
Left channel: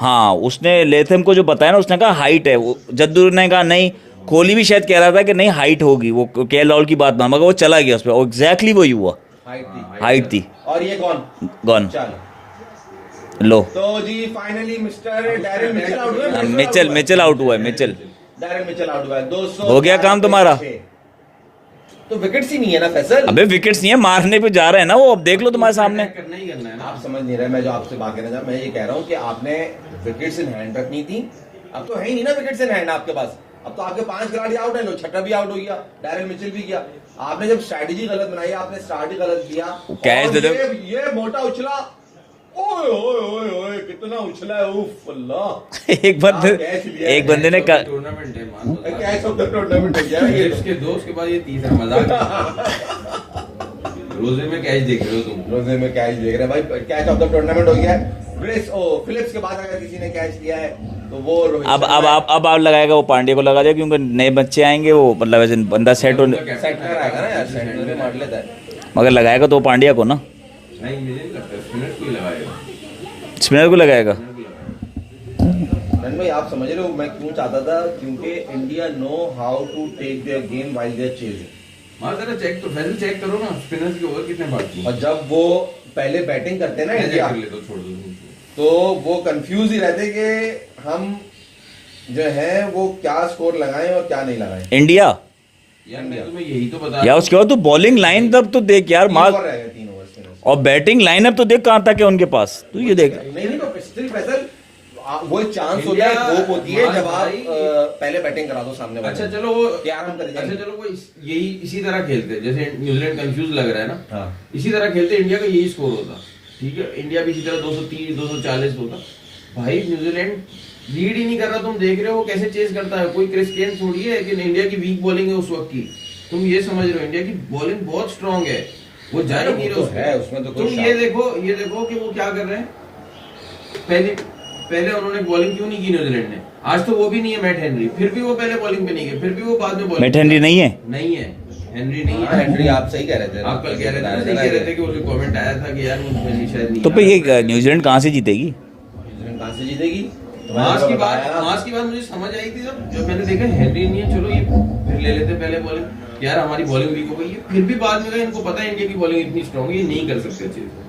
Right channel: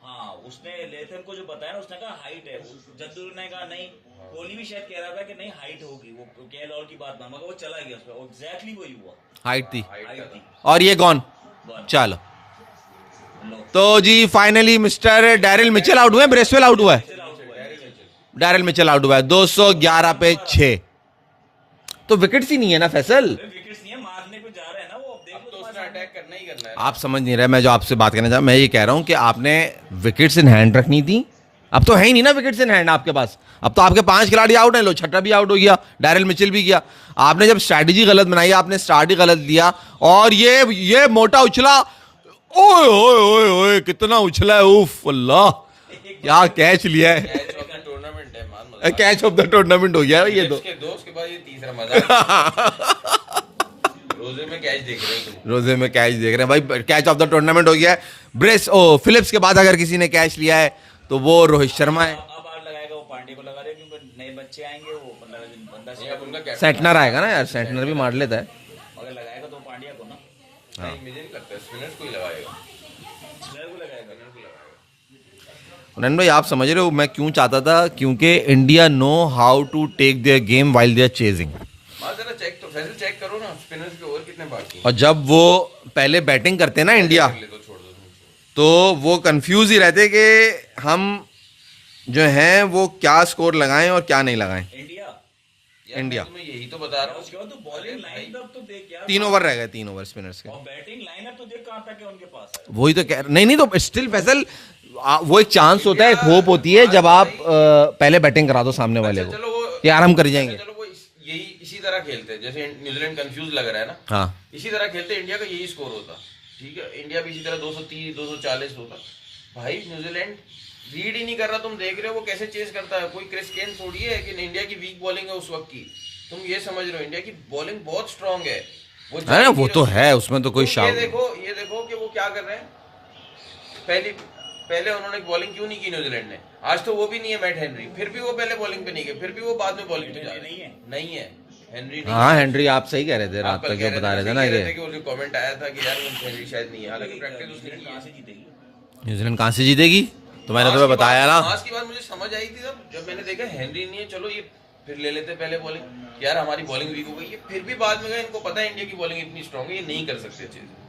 हाँ उसने लेथम को जो बताया ना, उसने कहा हाइट है, वो जद्दू ने कहा नहीं, कोहली भी शायद कह रहा था कि नहीं हाइट होगी, वो केएल राहुल की बात मान, मगर वो चला गया उस पर, एग्जैक्टली वही हुआ, हाइट थी और ये गॉन। चलो लो, तो जी finally mister Daryl Mitchell out हुए, ब्रेसवेल आउट हुआ है, मिचेल आउट हुआ है, मिचेल डैरिल मिचेल आउट हुआ है, हो गया काम 211 पे तुम्हारा। 6। तो विकेट्स ही नहीं है ना फैसल। अबे विकेट्स नहीं है, मारने पे जा रहे हैं ना वो, अब देख लो तुम्हारे सामने। करना ही करना है। आप समझ नहीं रहे, मैं जो आपसे बात करना चाह, मैं ये कह रहा हूं कि आपने विकेट्स इन हैंड रखनी थी। अब तो है ही नहीं ना विकेट्स इन हैंड आपके पास, अब तो आपके 5 खिलाड़ी आउट है, लो छठा भी आउट हो गया, डैरिल मिचेल भी गया। आपने जब स्ट्रैटेजी गलत बनाई, आपने स्टार्ट ही गलत लिया, और ये मोटा उछला, ओए ओए ओए ओए कितना उछला है, उफ अल्लाह। एक क्या बंदे कैच लिया है, एक बंदे ने टूर्नामेंट है मान, कैच ऑफ द टूर्नामेंट हो गया है ये तो। उसके 2 उसके बाद ये तीसरा मजाक। रोजे में कैच देख रहे हो तुम, रोजे में कैच देख रहे हैं भाई, कैच ऑफ द टूर्नामेंट हो गया है। फिलिप्स के बाद अगर किसी ने कैच लिया है तो वो रोहित शर्मा है। अब आप लगाएगा, वो पांड्या को लगा दिया, क्योंकि नए बच्चे आएंगे, वो मतलब ऐसे बंदा सेट हो, सेटनर आएगा ना यार, सेटनर भी मार लेता है। मगर लगाएगा तो पांड्या को ना, नहीं मुझे नहीं लगता स्पिनर को ही लगाएगा। स्पिनर को लगाएगा। नन भाई आप समझ रहे हो मैं क्यों चाहता था, क्योंकि India know how to take their game while they are chasing. मार जरा चेक तो फैसल चेक करो ना, स्पिनर्स के ओवर कितने बाकी हैं। और जब वो पहले बैटिंग करते हैं ना इंडिया, कर ले तो छोड़ दो तुम। तो वो कंफ्यूज ही रहते कि हम जो हैं वो क्या स्कोर लगाएं और क्या नहीं लगाएं। इंडिया यार इंडिया। मैं तुम्हें यही तो बता या उसके बाद तो बॉलिंग लाइन तब तो देख यार, 3 ओवर रह गए, 3 ओवर स्पिनर्स। और बैटिंग लाइनअप तो देख कहां तक है उनके पास। वही तो नहीं तो स्टिल फैसल वो एक चांस होता है, एक होप होती है जब आप पहले बैटिंग करा दो सामने वाले अच्छा को चलो वो कि यार हम कर जाएंगे। अच्छा चलो वो यही इसी तरह खेलते हैं, जैसे न्यूजीलैंड कंफ्यूज लग रहा है ना, हाँ इसी तरह खेलते इंडिया का यही स्कोर होता, ठीक है, इंडिया भी इसी तरह 230 240 होता। भाई न्यूजीलैंड लीड ही नहीं कर रहा, तुम देख रहे हो वो कैसे चेज करता है, कोई क्रिस गेल थोड़ी है कि इंडिया की वीक बॉलिंग है उस वक्त की, तुम ये समझ रहे हो इंडिया की बॉलिंग बहुत स्ट्रांग है, वो है ना, वो तो है, उसमें तो कोई तुम शाक। ये देखो कि वो क्या कर रहे हैं। पहले उन्होंने बॉलिंग क्यों नहीं की न्यूजीलैंड ने, आज तो वो भी नहीं है मैट हेनरी, फिर भी वो पहले बॉलिंग पे नहीं गए, फिर भी वो बाद में बॉलिंग। मैट हेनरी नहीं है, नहीं है हेनरी नहीं हाँ है। हेनरी आप सही कह रहे थे, आप कल कह रहे थे कि उसे कमेंट आया था कि यार मुझे शायद नहीं। तो फिर ये न्यूजीलैंड कहां से जीतेगी? न्यूजीलैंड कहां से जीतेगी, तो मैंने तुम्हें बताया ना। आज की बात मुझे समझ आई थी जब मैंने देखा हेनरी नहीं है, चलो ये फिर ले लेते पहले बॉलिंग, यार हमारी बॉलिंग वीक हो गई है, फिर भी बाद में गए, इनको पता है इंडिया की बॉलिंग इतनी स्ट्रांग है, ये नहीं कर सकते अच्छे से।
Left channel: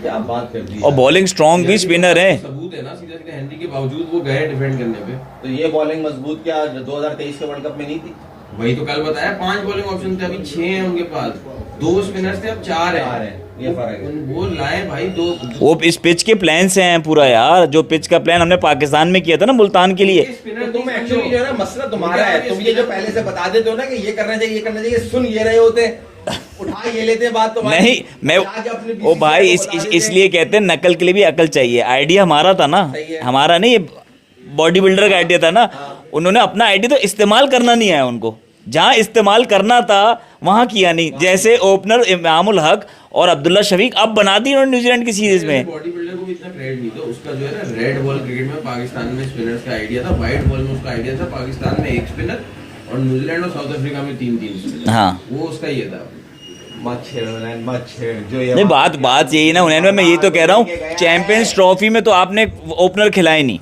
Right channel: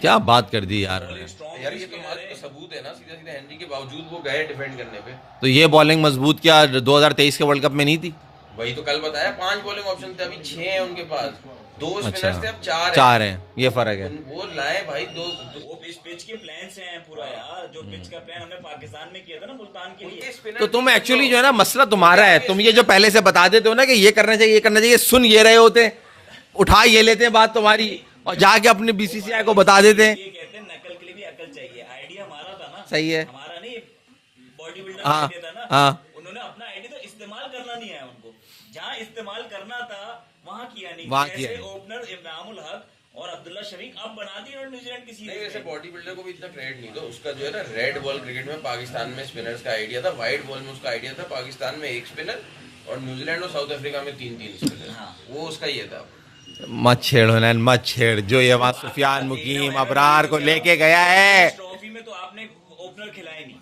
क्या बात कर दी और यार। बॉलिंग स्ट्रांग भी स्पिनर है। सबूत है ना, सीधा सीधा हेनरी के बावजूद वो गए डिफेंड करने पे। तो ये बॉलिंग मजबूत क्या 2023 के वर्ल्ड कप में नहीं थी? वही तो कल बताया, 5 बॉलिंग ऑप्शन थे, अभी 6 हैं उनके पास, 2 स्पिनर्स थे, अब 4 हैं, ये फर्क है। वो लाए भाई 2। वो इस पिच के प्लान से हैं पूरा यार, जो पिच का प्लान हमने पाकिस्तान में किया था ना मुल्तान के लिए। तो तुम एक्चुअली जो है ना मसला तुम्हारा है, तुम ये जो पहले से बता देते हो ना कि ये करना चाहिए, ये करना चाहिए, सुन ये रहे होते, उठा ये लेते हैं बात तुम्हारी, नहीं मैं जाके अपने ओ भाई को बता देते हैं। इसलिए कहते हैं नकल के लिए भी अकल चाहिए। आइडिया हमारा था ना, सही है। हमारा नहीं, बॉडी बिल्डर का हाँ, आइडिया था ना, हाँ। उन्होंने अपना आइडिया तो इस्तेमाल करना नहीं आया उनको, जहां इस्तेमाल करना था वहां किया नहीं। जैसे ओपनर इमामुल हक और अब्दुल्ला शफीक अब बना दी उन्होंने न्यूजीलैंड की सीरीज में। बॉडी बिल्डर को भी इतना क्रेडिट नहीं दो, उसका जो है ना रेड बॉल क्रिकेट में पाकिस्तान में स्पिनर्स का आइडिया था, व्हाइट बॉल में उसका आइडिया था, पाकिस्तान में 1 स्पिनर और न्यूजीलैंड और साउथ अफ्रीका में 3 स्पिनर, हाँ वो उसका ये था। मत छेड़ हुनैन, मत छेड़, जो ये नहीं, बात यही ना हुनैन, मैं यही तो कह रहा हूँ, चैंपियंस ट्रॉफी में तो आपने ओपनर खिलाए नहीं,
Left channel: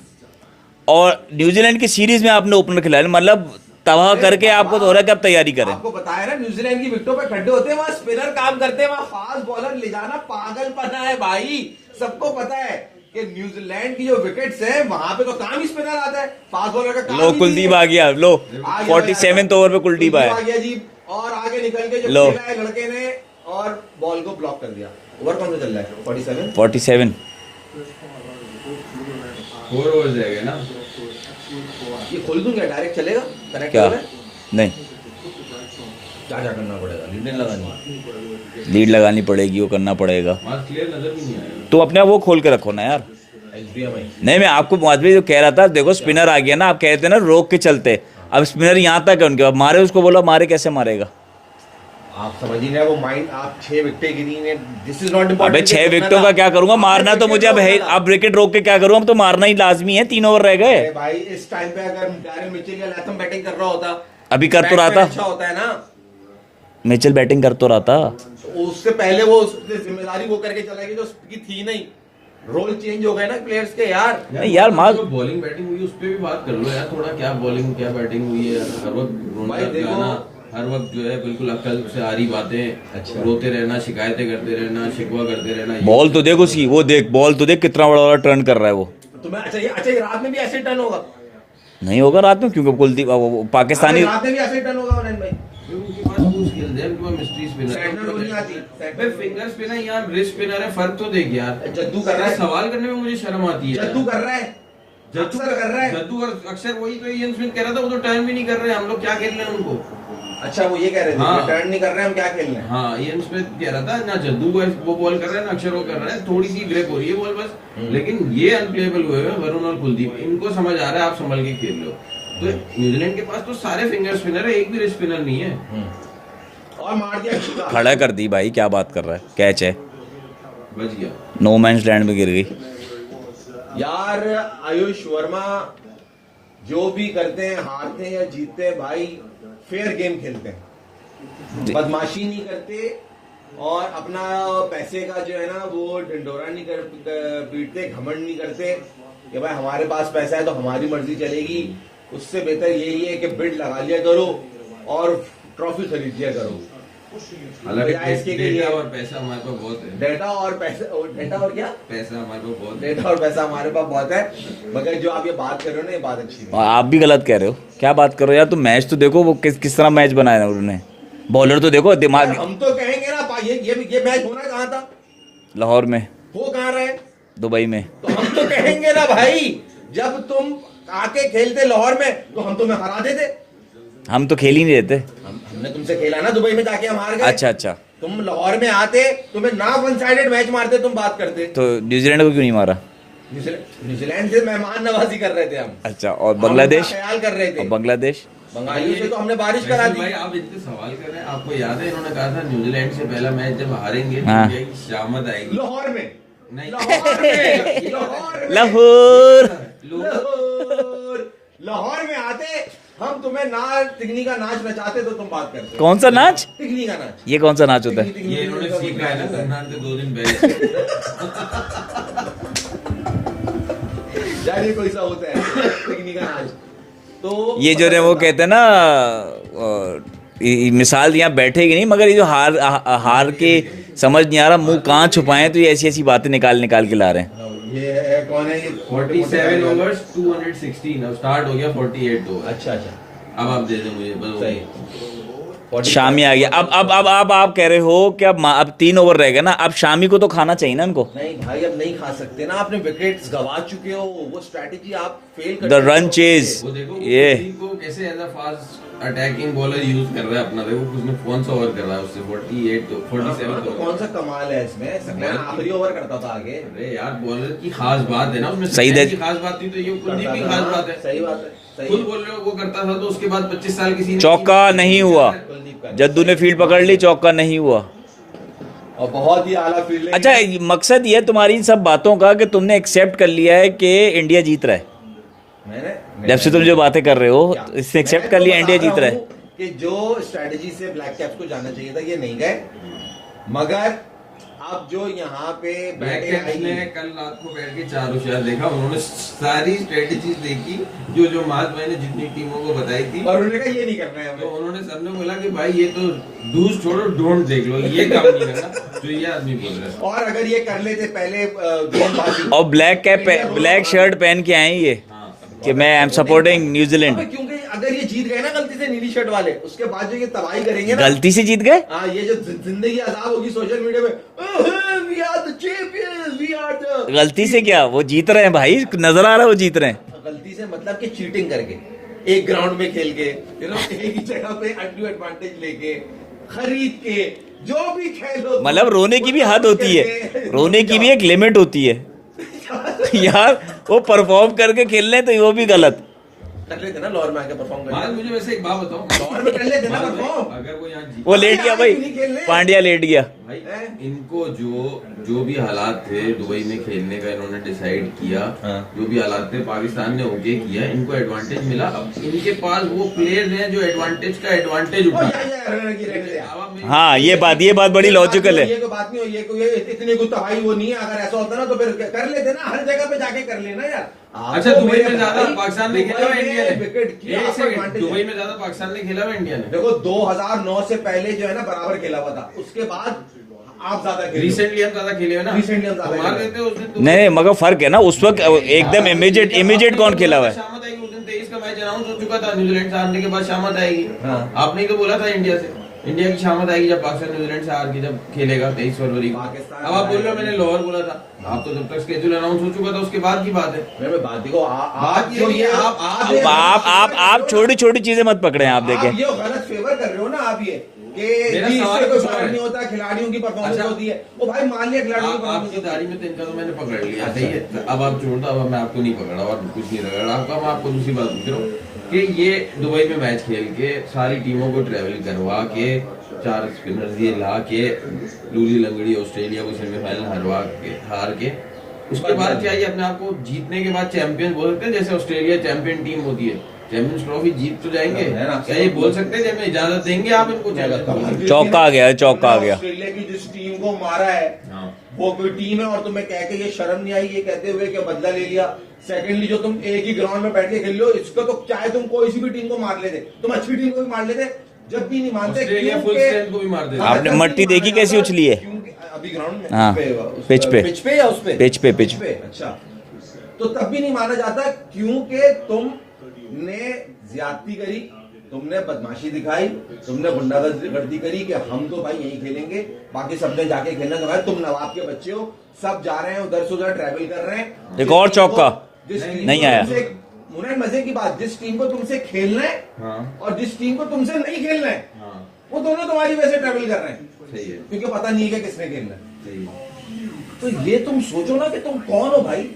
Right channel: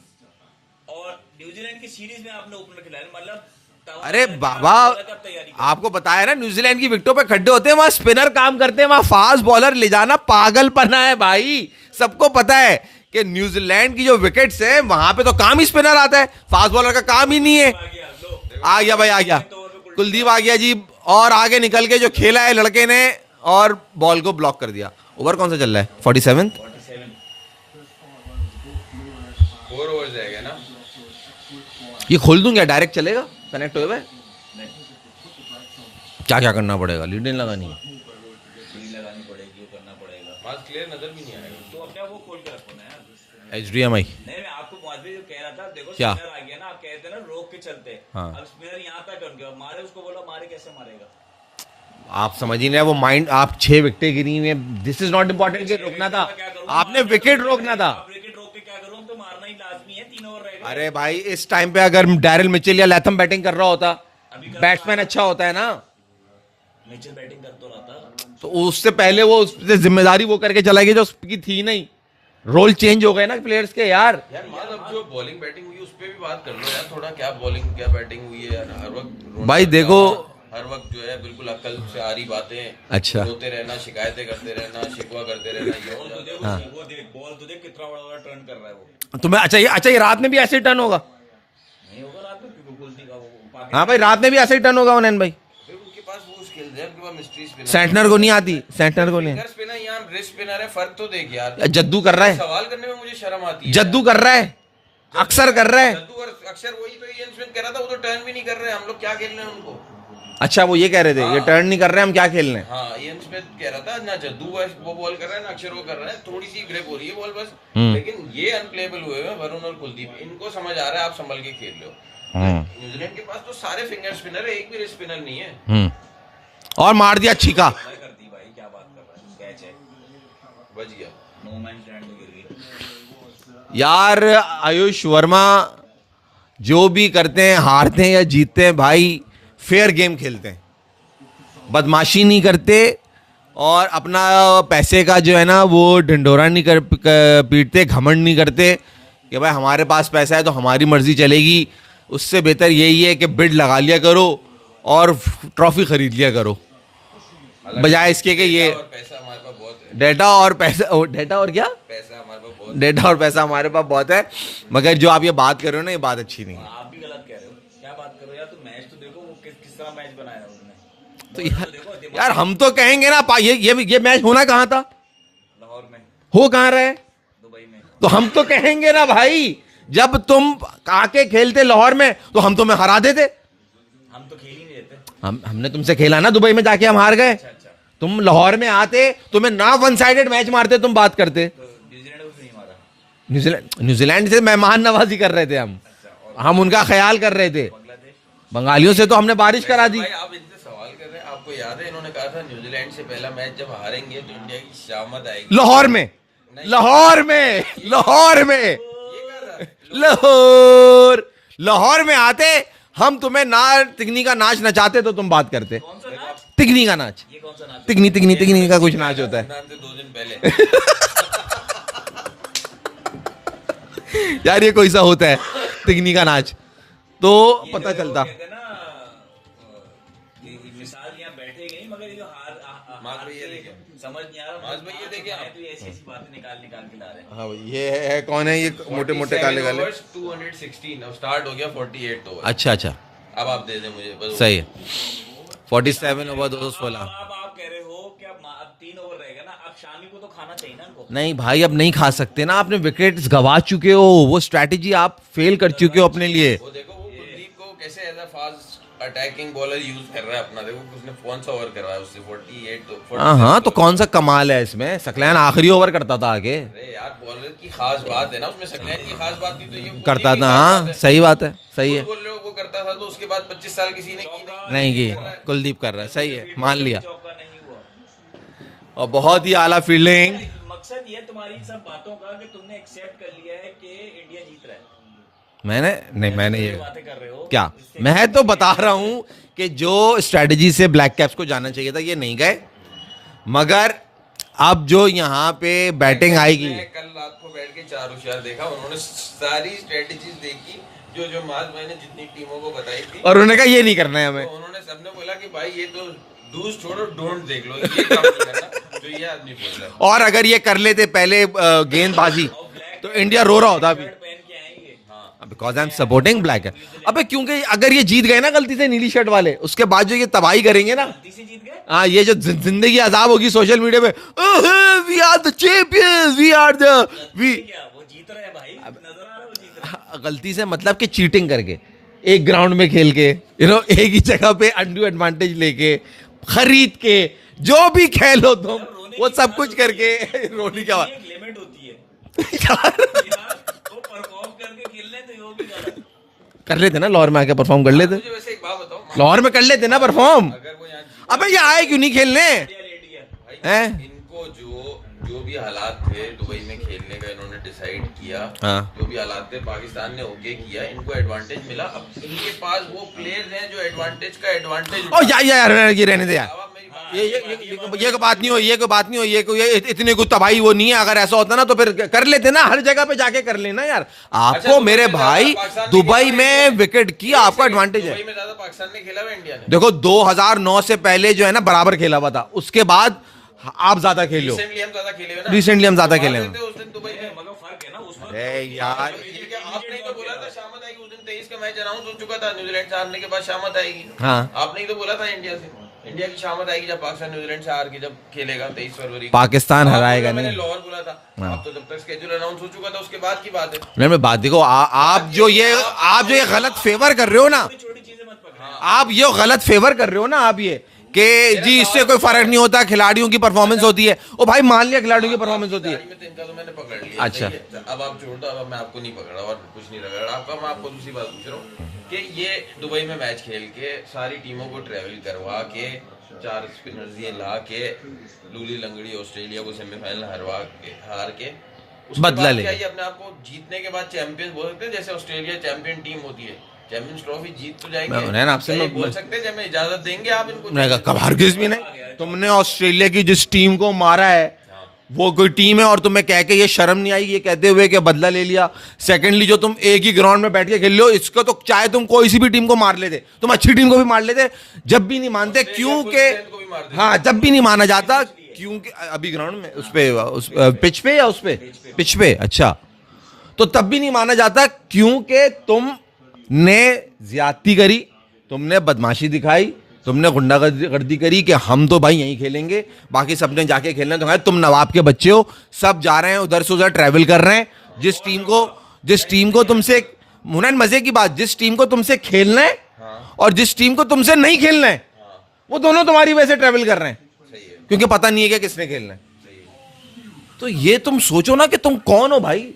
और न्यूजीलैंड की सीरीज में आपने ओपनर खिलाए, मतलब तबाह अरे करके बाबा, आपको हो रहा है कि आप तैयारी करें। आपको बताया ना न्यूजीलैंड की विकेटों पे खड्डे होते हैं, वहां स्पिनर काम करते हैं, वहां फास्ट बॉलर ले जाना पागलपना है भाई। सबको पता है कि न्यूजीलैंड की जो विकेट्स हैं वहां पे तो काम ही स्पिनर आता है, फास्ट बॉलर का काम ही नहीं है। कुलदीप आ गया, लो आ गया भाई, आ गया 47th ओवर पे कुलदीप आ गया जी, और आगे निकल के जो लो। खेला है लड़के ने और बॉल को ब्लॉक कर दिया। ओवर कौन सा चल रहा है? 47 47। 4 ओवर्स रह गए ना, ये खोल दूं क्या, डायरेक्ट चलेगा? कनेक्ट क्या? कर रहा है? नहीं, क्या क्या करना पड़ेगा? लीड नहीं लगानी, लीड लगानी पड़ेगी, वो करना पड़ेगा। आज क्लियर नजर भी नहीं आया। तो अपने वो खोल के रखो ना यार। HDMI नहीं, मैं आपको मुआज़ जो कह रहा था, देखो स्पिनर आ गया ना, आप कहते हैं ना रोक के चलते, हाँ। अब स्पिनर यहाँ तक है उनके, अब मारे उसको, बोला मारे कैसे मारेगा? आप समझ ही नहीं, वो माइंड, आप 6 विकेटें गिरी हुई हैं, दिस इज नॉट अबे इंपॉर्टेंट। 6 विकेटों का क्या करूंगा, मारना तो मुझे अब विकेट रोक के क्या करूंगा, अब तो मारना ही लाजमी है, 3 ओवर रह गए। अरे भाई इस टाइम पे अगर डैरिल मिचेल या लैथम बैटिंग कर रहा होता, अभी कर तो रहा बैट्समैन था, अच्छा होता है ना, मिचेल बैटिंग कर तो रहा था, तो उससे पहले वो उससे जिम्मेदारी वो करके चला गया जो उसकी थी नहीं। रोल चेंज हो गए ना प्लेयर्स के यार। यार मार जो बॉलिंग बैटिंग हुई उस पे भी बात कर लो यार थोड़ा, क्या बॉलिंग क्या बैटिंग हुई है हर वक्त भाई देखो, हर वक्त जो है बिल्कुल अक्ल से आ रही बातें, अच्छा। रोते रहना, शिकायतें करते रहना, शिकवा करते रहना। बॉल तो देख उसकी, वो देख बॉल तो देख कितना बड़ा बड़ा टर्न कर रहा है वो। तुम्हें अच्छा ये रात में भी ऐसे टर्न होगा? नहीं होगा रात में, क्योंकि कुलदीप हाँ भाई, पाकिस्तानी रात में भी ऐसे टर्न होगा उन्हें भाई। उनके पास वो स्किल्स है, उनके पास मिस्ट्री स्पिनर, सेंटनर को नहीं आती, सेंटनर को नहीं। फिंगर स्पिनर या रिस्ट स्पिनर है, फर्क तो देख यार। जद्दू कर रहा है, सवाल करने में मुझे शर्म आती है। जद्दू कर रहा है, अक्सर कर रहा है। जद्दू अक्सर, वही तो इयन स्मिथ कह रहा था, वो तो टर्न भी नहीं कर रहे, हम लोग क्या खेल रहे हैं उनको। अच्छा वो ये कह रहे थे हाँ। ये टर्न नहीं कर रहे हैं, हम क्या खेल रहे हैं। हाँ इयन स्मिथ कह रहा था ना, जद्दू वो बॉल कर रहा है ना अक्षर वो कर रहा है, थोड़ी सी ग्रेप हो रही है बॉल बस, लेकिन ये अनप्लेएबल हुए हैं वरुण और कुलदीप, इनको समझ आ रहा है आप संभल के खेल लो। न्यूजीलैंड के पास तो सारे फिंगर स्पिनर है, एक भी रिस्ट स्पिनर नहीं है। और मार दिया छिका, खड़ा कर दी भाई, क्या बात कर रहा है, कैच है, बच गया। नो मैंस लैंड में गिर गई। यार आयुष वर्मा जो भी करते हैं, हारते हैं या जीतते हैं भाई, फेयर गेम खेलते हैं, बदमाशी नहीं करते और अपना पैसे का जो है ना वो ढिंढोरा नहीं कर पीटते, घमंड नहीं करते कि भाई हमारे पास पैसा है तो हमारी मर्जी चलेगी। उससे बेहतर यही है कि बिड लगा लिया करो और ट्रॉफी खरीद लिया करो, बजाय इसके कि ये और पैसा हमारे पास बहुत है, डेटा और पैसा, डेटा और क्या, पैसा हमारे पास बहुत है। डेटा और पैसा हमारे पास बहुत है। मगर जो आप ये बात कर रहे हो ना, ये बात अच्छी नहीं। और आप भी गलत कह रहे हो, क्या बात कर रहे हो यार, तुम मैच तो देखो, वो किस तरह मैच बनाया है उन्होंने, बॉलर तो देखो यार दिमाग। हम तो कहेंगे ना, ये मैच होना कहाँ था, लाहौर में, हो कहाँ रहे, दुबई में। तो हम तो कहेंगे ना भाई, जब तुम आके खेलते लाहौर में तो हम तुम्हें हरा देते। हम तो खेल ही नहीं देते। हमने तुमसे खेला ना दुबई में जाके, हम हार गए। अच्छा अच्छा, तुम लाहौर में आते, तुम्हें ना वन साइडेड मैच मारते, तुम बात करते। तो न्यूजीलैंड को क्यों नहीं मारा? न्यूजीलैंड से मेहमान नवाजी कर रहे थे हम। अच्छा, और हम उनका बांग्लादेश? ख्याल कर रहे थे। और बांग्लादेश, बंगालियों से तो हमने बारिश करा दी। भाई आप इतने सवाल कर रहे हैं, आपको याद है इन्होंने कहा था न्यूजीलैंड से पहला मैच जब हारेंगे तो हाँ। इंडिया की शामत आएगी। लाहौर में, नहीं। लाहौर में, लाहौर में, लाहौर। लाहौर, लाहौर में आते हम, तुम्हें ना तिगनी का नाच नचाते तो तुम बात करते। कौन सा नाच? तिगनी का नाच, ये कौन सा नाच होता तिगनी है? तिगनी तिगनी का कुछ नाच होता है। रमजान के 2 दिन पहले यार ये कोई सा होता है तिगनी का नाच, तो ये जो है वो कहते हैं ना, मिसाल यहाँ बैठेगी नहीं, मगर ये जो हार के समझ नहीं आ रहा मुंह कहाँ छुपाए, तो ये ऐसी ऐसी बातें निकाल के ला रहे हैं। ये है कौन है, ये मोटे मोटे 47 गाने वाले। ओवर्स 216, अब स्टार्ट हो गया 48 ओवर। अच्छा अच्छा, अब आप दे दें मुझे बस। सही है। 47 शामी आ गया। अब आप कह रहे हो कि अब 3 ओवर रह गए ना, अब शामी को तो खाना चाहिए ना इनको। नहीं भाई अब नहीं खा सकते ना, आपने विकेट्स गवा चुके हो, वो स्ट्रैटेजी आप फेल कर The चुके हो run अपने लिए। chase। वो देखो ये। को कैसे as a fast attacking bowler use कर रहा है अपना, देखो उसने कौन सा ओवर कर रहा है उससे 48 तो 47 हाँ तो कौन सा कमाल है इसमें, सकलैन आखिरी ओवर करता था आगे, अरे यार बॉलर की खास बात है ना उसमें, सही सही दे- की खास बात थी तो ये करता था। हाँ सही बात है, सही खुद है। बोल रहे हो वो करता था, तो उसके बाद 25 साल किसी ने चौका नहीं हुआ, कुलदीप कर रहा है, जद्दू सही ने है, फील्ड मान पकड़ ली, लिया। चौका नहीं हुआ। और बहुत ही आला फील्डिंग। अच्छा, मकसद ये है तुम्हारी इन सब बातों का कि तुमने एक्सेप्ट कर लिया है कि इंडिया जीत रहा है, मैंने नहीं, जब से तुम जो बातें कर रहे हो, क्या इससे मैं एक्सेप्ट तो कर लिया बता इंडिया रहा जीत रहा है। हूँ कि जो स्ट्रेटजी से ब्लैक कैप्स को जाना चाहिए था ये नहीं गए, मगर अब जो यहाँ पे बैटिंग आएगी। कल रात को बैठ के 4 होशियार देखा, उन्होंने सारी स्ट्रेटजीज देखी जो मार्च मैंने जितनी टीमों को बताई थी, और उन्होंने कहा ये नहीं करना है तो हमें। उन्होंने सबने बोला कि भाई ये तो डूज छोड़ो डोंट देख लो, ये काम नहीं करना जो ये आदमी बोल रहा है। और अगर ये कर लेते पहले गेंदबाजी, और ब्लैक कैप, इंडिया रो रहा ब्लैक होता। शर्ट पहन के आए ये कि Because मैं I'm सपोर्टिंग black है। न्यूजीलैंड। अबे क्योंकि अगर ये जीत गए ना गलती से नीली शर्ट वाले, उसके बाद जो ये तबाही करेंगे ना, गलती से जीत गए। हाँ ये जो जिंदगी अजाब होगी सोशल मीडिया पे, we are the champions, we are the, गलती से क्या, वो जीत रहे हैं भाई, नजर आ रहा है वो जीत रहे हैं। गलती से मतलब कि चीटिंग करके, एक ग्राउंड में खेल के, एक ही जगह पे अनड्यू एडवांटेज लेके, खरीद के, जो भी खेल हो, मतलब रोने वो की भी सब हद कुछ होती है, करके, रोने की भी एक लिमिट होती है। यार वो परफॉर्म करके खेल रहे हैं तो वो भी गलत। कर लेते ना लाहौर में आके परफॉर्म कर लेते, मुझे वैसे एक बात बताओ, लाहौर में कर लेते ना परफॉर्म। अगर वो यहाँ जीत- वो अबे लेट ये गया आए भाई, क्यों नहीं खेलने? पांड्या लेट गया। भाई, हैं? इनको जो भी हालात थे दुबई में खेलने का इन्होंने डिसाइड किया, हाँ। जो भी हालात थे पाकिस्तान ने ओके किया, इनको एडवांटेज मिला। अब इनके पास वो प्लेयर्स हैं जो एडवांटेज का एडवांटेज ओ यार ये रहने दे यार। हाँ ये बात बड़ी लॉजिकल है। ये कोई बात नहीं हो, ये इतने को तबाही वो नहीं है। अगर ऐसा होता ना तो फिर कर लेते ना, हर जगह पे जाके कर लेना यार। आपको दुबई मेरे में भाई ज्यादा पाकिस्तान ने दुबई खेला में इंडिया विकेट की आपका एडवांटेज दुबई है। में ज्यादा पाकिस्तान ने खेला हुआ इंडिया ने। देखो 2009 से पहले जो है ना बराबर खेला हुआ था, उसके बाद आप ज्यादा खेले हो। रिसेंटली हम ज्यादा खेले हैं ना, Recently हम ज्यादा खेले हैं। हमारे थे उस दिन दुबई नहीं मगर फर्क है ना, उस वक्त एकदम इमीडिएट कौन खेला हुआ है। शामत आएगी, उस दिन 23 का मैच अनाउंस हो चुका था, न्यूजीलैंड से हारने के बाद शामत आएगी। हाँ। आपने ही तो बोला था इंडिया से, इंडिया की शामत आएगी जब पाकिस्तान न्यूजीलैंड से हार के जब खेलेगा 23 फरवरी को। पाकिस्तान अब आप हराएगा बोल रहे, मैंने लाहौर बोला था। आप तो जब तक स्केड्यूल अनाउंस हो चुका था उसके बाद की बात है। मैं बात देखो आप जो ये आप ये गलत फेवर कर रहे हो ना, छोटी छोटी चीजें मत पकड़े आप आप देखें। ये गलत फेवर कर रहे हो ना आप ये कि जी इससे कोई फर्क नहीं होता, खिलाड़ियों की परफॉर्मेंस होती है। ओ भाई मान लिया खिलाड़ियों की परफॉर्मेंस होती है। तैयारी में तो इनका तो मैंने पकड़ लिया। अच्छा। सही है। अब आप छोड़ दो, अब मैं आपको नहीं पकड़ा और कुछ नहीं रगड़ा आपका। मैं आपको दूसरी बात पूछ रहा हूँ कि ये दुबई में मैच खेल के सारी टीमों को ट्रेवल करवा के 4 स्पिनर्स ये ला के लूली लंगड़ी ऑस्ट्रेलिया को सेमीफाइनल हरवा के हार के उसके बदला बाद ले। क्या ये अपने आप को जीतने के बाद चैंपियन बोल सकते हैं? जैसे ऑस्ट्रेलिया चैंपियन टीम होती है, चैंपियंस ट्रॉफी जीत तो जाएंगे। मैं आपसे क्या ये बोल सकते हैं? जब मैं इजाजत देंगे आप इनको? चौका आ गया, चौका आ गया। ऑस्ट्रेलिया की जिस टीम को मारा है हाँ। वो कोई टीम है और तुम्हें कह के ये शर्म नहीं आई ये कहते हुए कि बदला ले लिया। सेकंडली जो तुम एक ही ग्राउंड में बैठ के खेल रहे हो, इसको तो चाहे तुम कोई सी भी टीम को मार लेते, तुम अच्छी टीम को भी मार लेते, जब भी नहीं मानते ऑस्ट्रेलिया full क्योंकि strength को भी मार देते। हाँ जब भी मट्टी नहीं माना देखी कैसे जाता उछली है? क्योंकि अभी ग्राउंड में हाँ, उस पिच पे। पिच पे या उस पे पिच पे। अच्छा तो तब भी नहीं माना जाता क्योंकि तुमने ज्यादती करी, तुमने बदमाशी दिखाई, तुमने गुंडागर्दी करी कि हम तो भाई यहीं खेलेंगे, बाकी सबने जाके खेलना। तो तुम नवाब के बच्चे हो, सब जा रहे हैं उधर से उधर ट्रैवल कर रहे हैं। एक और चौका। जिस टीम नहीं को आया। तुमसे मुनन मजे की बात, जिस टीम को तुमसे खेलना है हाँ। और जिस टीम को तुमसे नहीं खेलना है हाँ, वो दोनों तुम्हारी वजह से ट्रैवल कर रहे हैं सही है, क्योंकि पता नहीं है कि किसने खेलना है। सही है। तो ये तुम सोचो ना कि तुम कौन हो भाई,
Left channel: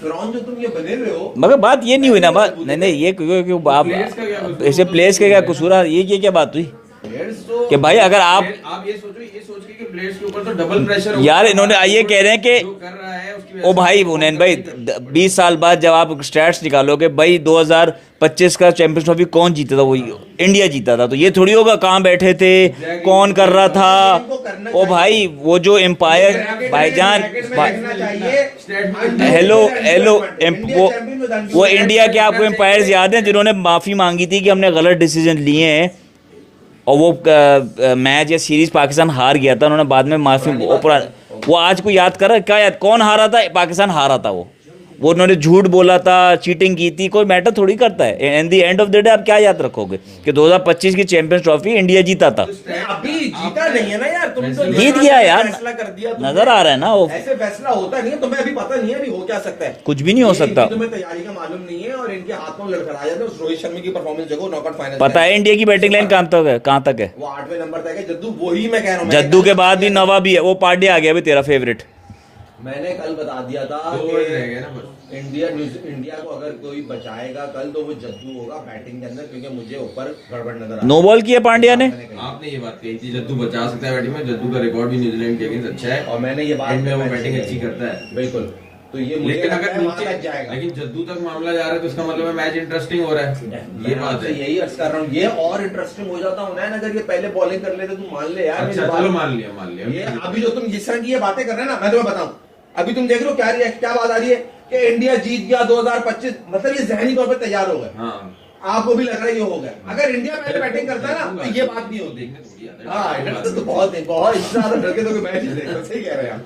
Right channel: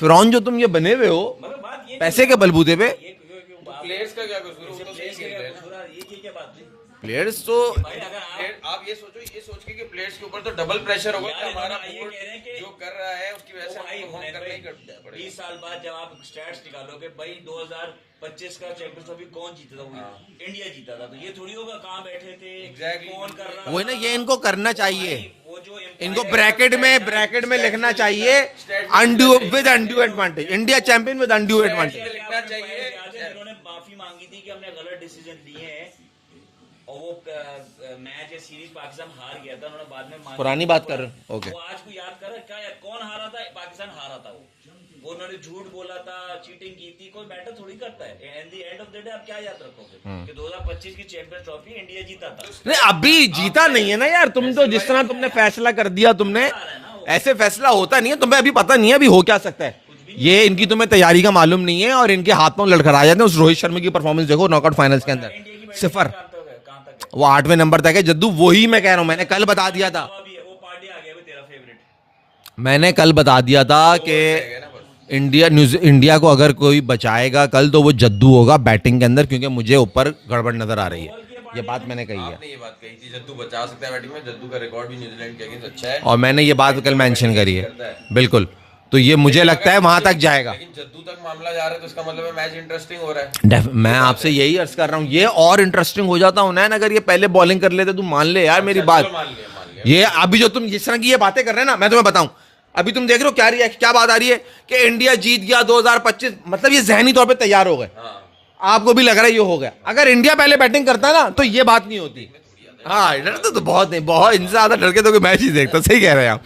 फिरौन जो तुम ये बने हुए हो। मगर बात ये नहीं हुई पैसे ना, के बात बलबूते नहीं, पे? ये क्यों प्लेयर्स का क्या आप कसूर? ऐसे प्लेयर्स का क्या कसूर है? ये क्या बात हुई प्लेयर्स तो कि भाई अगर आप ये सोच के कि प्लेयर्स के ऊपर तो डबल प्रेशर होगा। यार इन्होंने ये कह रहे हैं कि जो कर रहा है उसकी वजह ओ से भाई वो मुनैन करने भाई करते हैं। 20 साल बाद जब आप स्टैट्स निकालोगे भाई 2025 का चैंपियंस ट्रॉफी कौन जीता था? वही इंडिया जीता था। तो ये थोड़ी होगा कहाँ बैठे थे, कौन कर रहा था। इनको करना ओ चाहिए। भाई वो जो एम्पायर ब्रैकेट में लिखना चाहिए hello hello India champion with undue वो इंडिया के आपको एम्पायर्स याद हैं जिन्होंने माफी मांगी थी कि हमने गलत डिसीजन लिए हैं और वो मैच या सीरीज पाकिस्तान हार गया था, उन्होंने बाद में माफी वो आज को याद कर रहा है? क्या याद, कौन हारा था? पाकिस्तान हारा था। वो उन्होंने झूठ बोला था, चीटिंग की थी, कोई मैटर थोड़ी करता है। And the end of the day आप क्या याद रखोगे कि 2025 की चैंपियंस ट्रॉफी इंडिया जीता था। नहीं अभी जीता नहीं है ना यार, तुम तो जिस जीत तरह गया से यार। फैसला कर दिया तुमने, नजर आ रहा है ना वो। ऐसे फैसला होता नहीं है। तुम्हें अभी पता नहीं है अभी हो क्या सकता है, कुछ भी नहीं हो ये सकता। इनकी तुम्हें तैयारी का मालूम नहीं है और इनके हाथ में लड़खड़ा जाते हैं। उस रोहित शर्मा की परफॉर्मेंस देखो नॉकआउट फाइनल पता है इंडिया की बैटिंग लाइन कहाँ तक है? वो 8वें नंबर तक है। जद्दू वही मैं कह रहा हूँ, मैंने जद्दू कल के बता बाद दिया भी था। नवा भी है, वो पार्टी आ गया भी तेरा फेवरेट। मैंने कल बता दिया था कि इंडिया को अगर कोई बचाएगा कल तो वो जद्दू होगा बैटिंग के अंदर, क्योंकि मुझे ऊपर गड़बड़ नजर आ रही नो बॉल किया पांड्या ने। मैंने कही है। आपने ये बात कही थी जद्दू बचा सकता है बैटिंग में, जद्दू का रिकॉर्ड भी न्यूजीलैंड के अगेंस्ट अच्छा है और मैंने ये बात कल मेंशन करी है बिल्कुल। तो ये मुझे लेकिन लगता है अगर वहां नीचे- तक जाएगा। लेकिन जद्दू तक मामला जा रहा है तो इसका मतलब है मैच इंटरेस्टिंग हो रहा है। मैं आपसे यही अर्ज कर रहा हूँ, ये और इंटरेस्टिंग हो जाता हूँ ना अगर ये पहले बॉलिंग कर लेते। तुम मान ले यार मेरी अच्छा, बात, चलो मान लिया ये अभी जो तुम जिस तरह की ये बातें कर रहे हैं ना, मैं तुम्हें बताऊं अभी तुम देख रहे हो क्या बात आ रही है कि इंडिया जीत गया 2025, मतलब ये जहनी तौर पे तैयार हो गए। हाँ, आपको भी लग रहा है ये हो गया। अगर इंडिया पहले बैटिंग करता ना तो ये बात नहीं होती। हाँ डरते तो बहुत नहीं, बहुत इनसे ज्यादा डर के तो कोई मैच ही देखता। सही कह रहे हैं आप।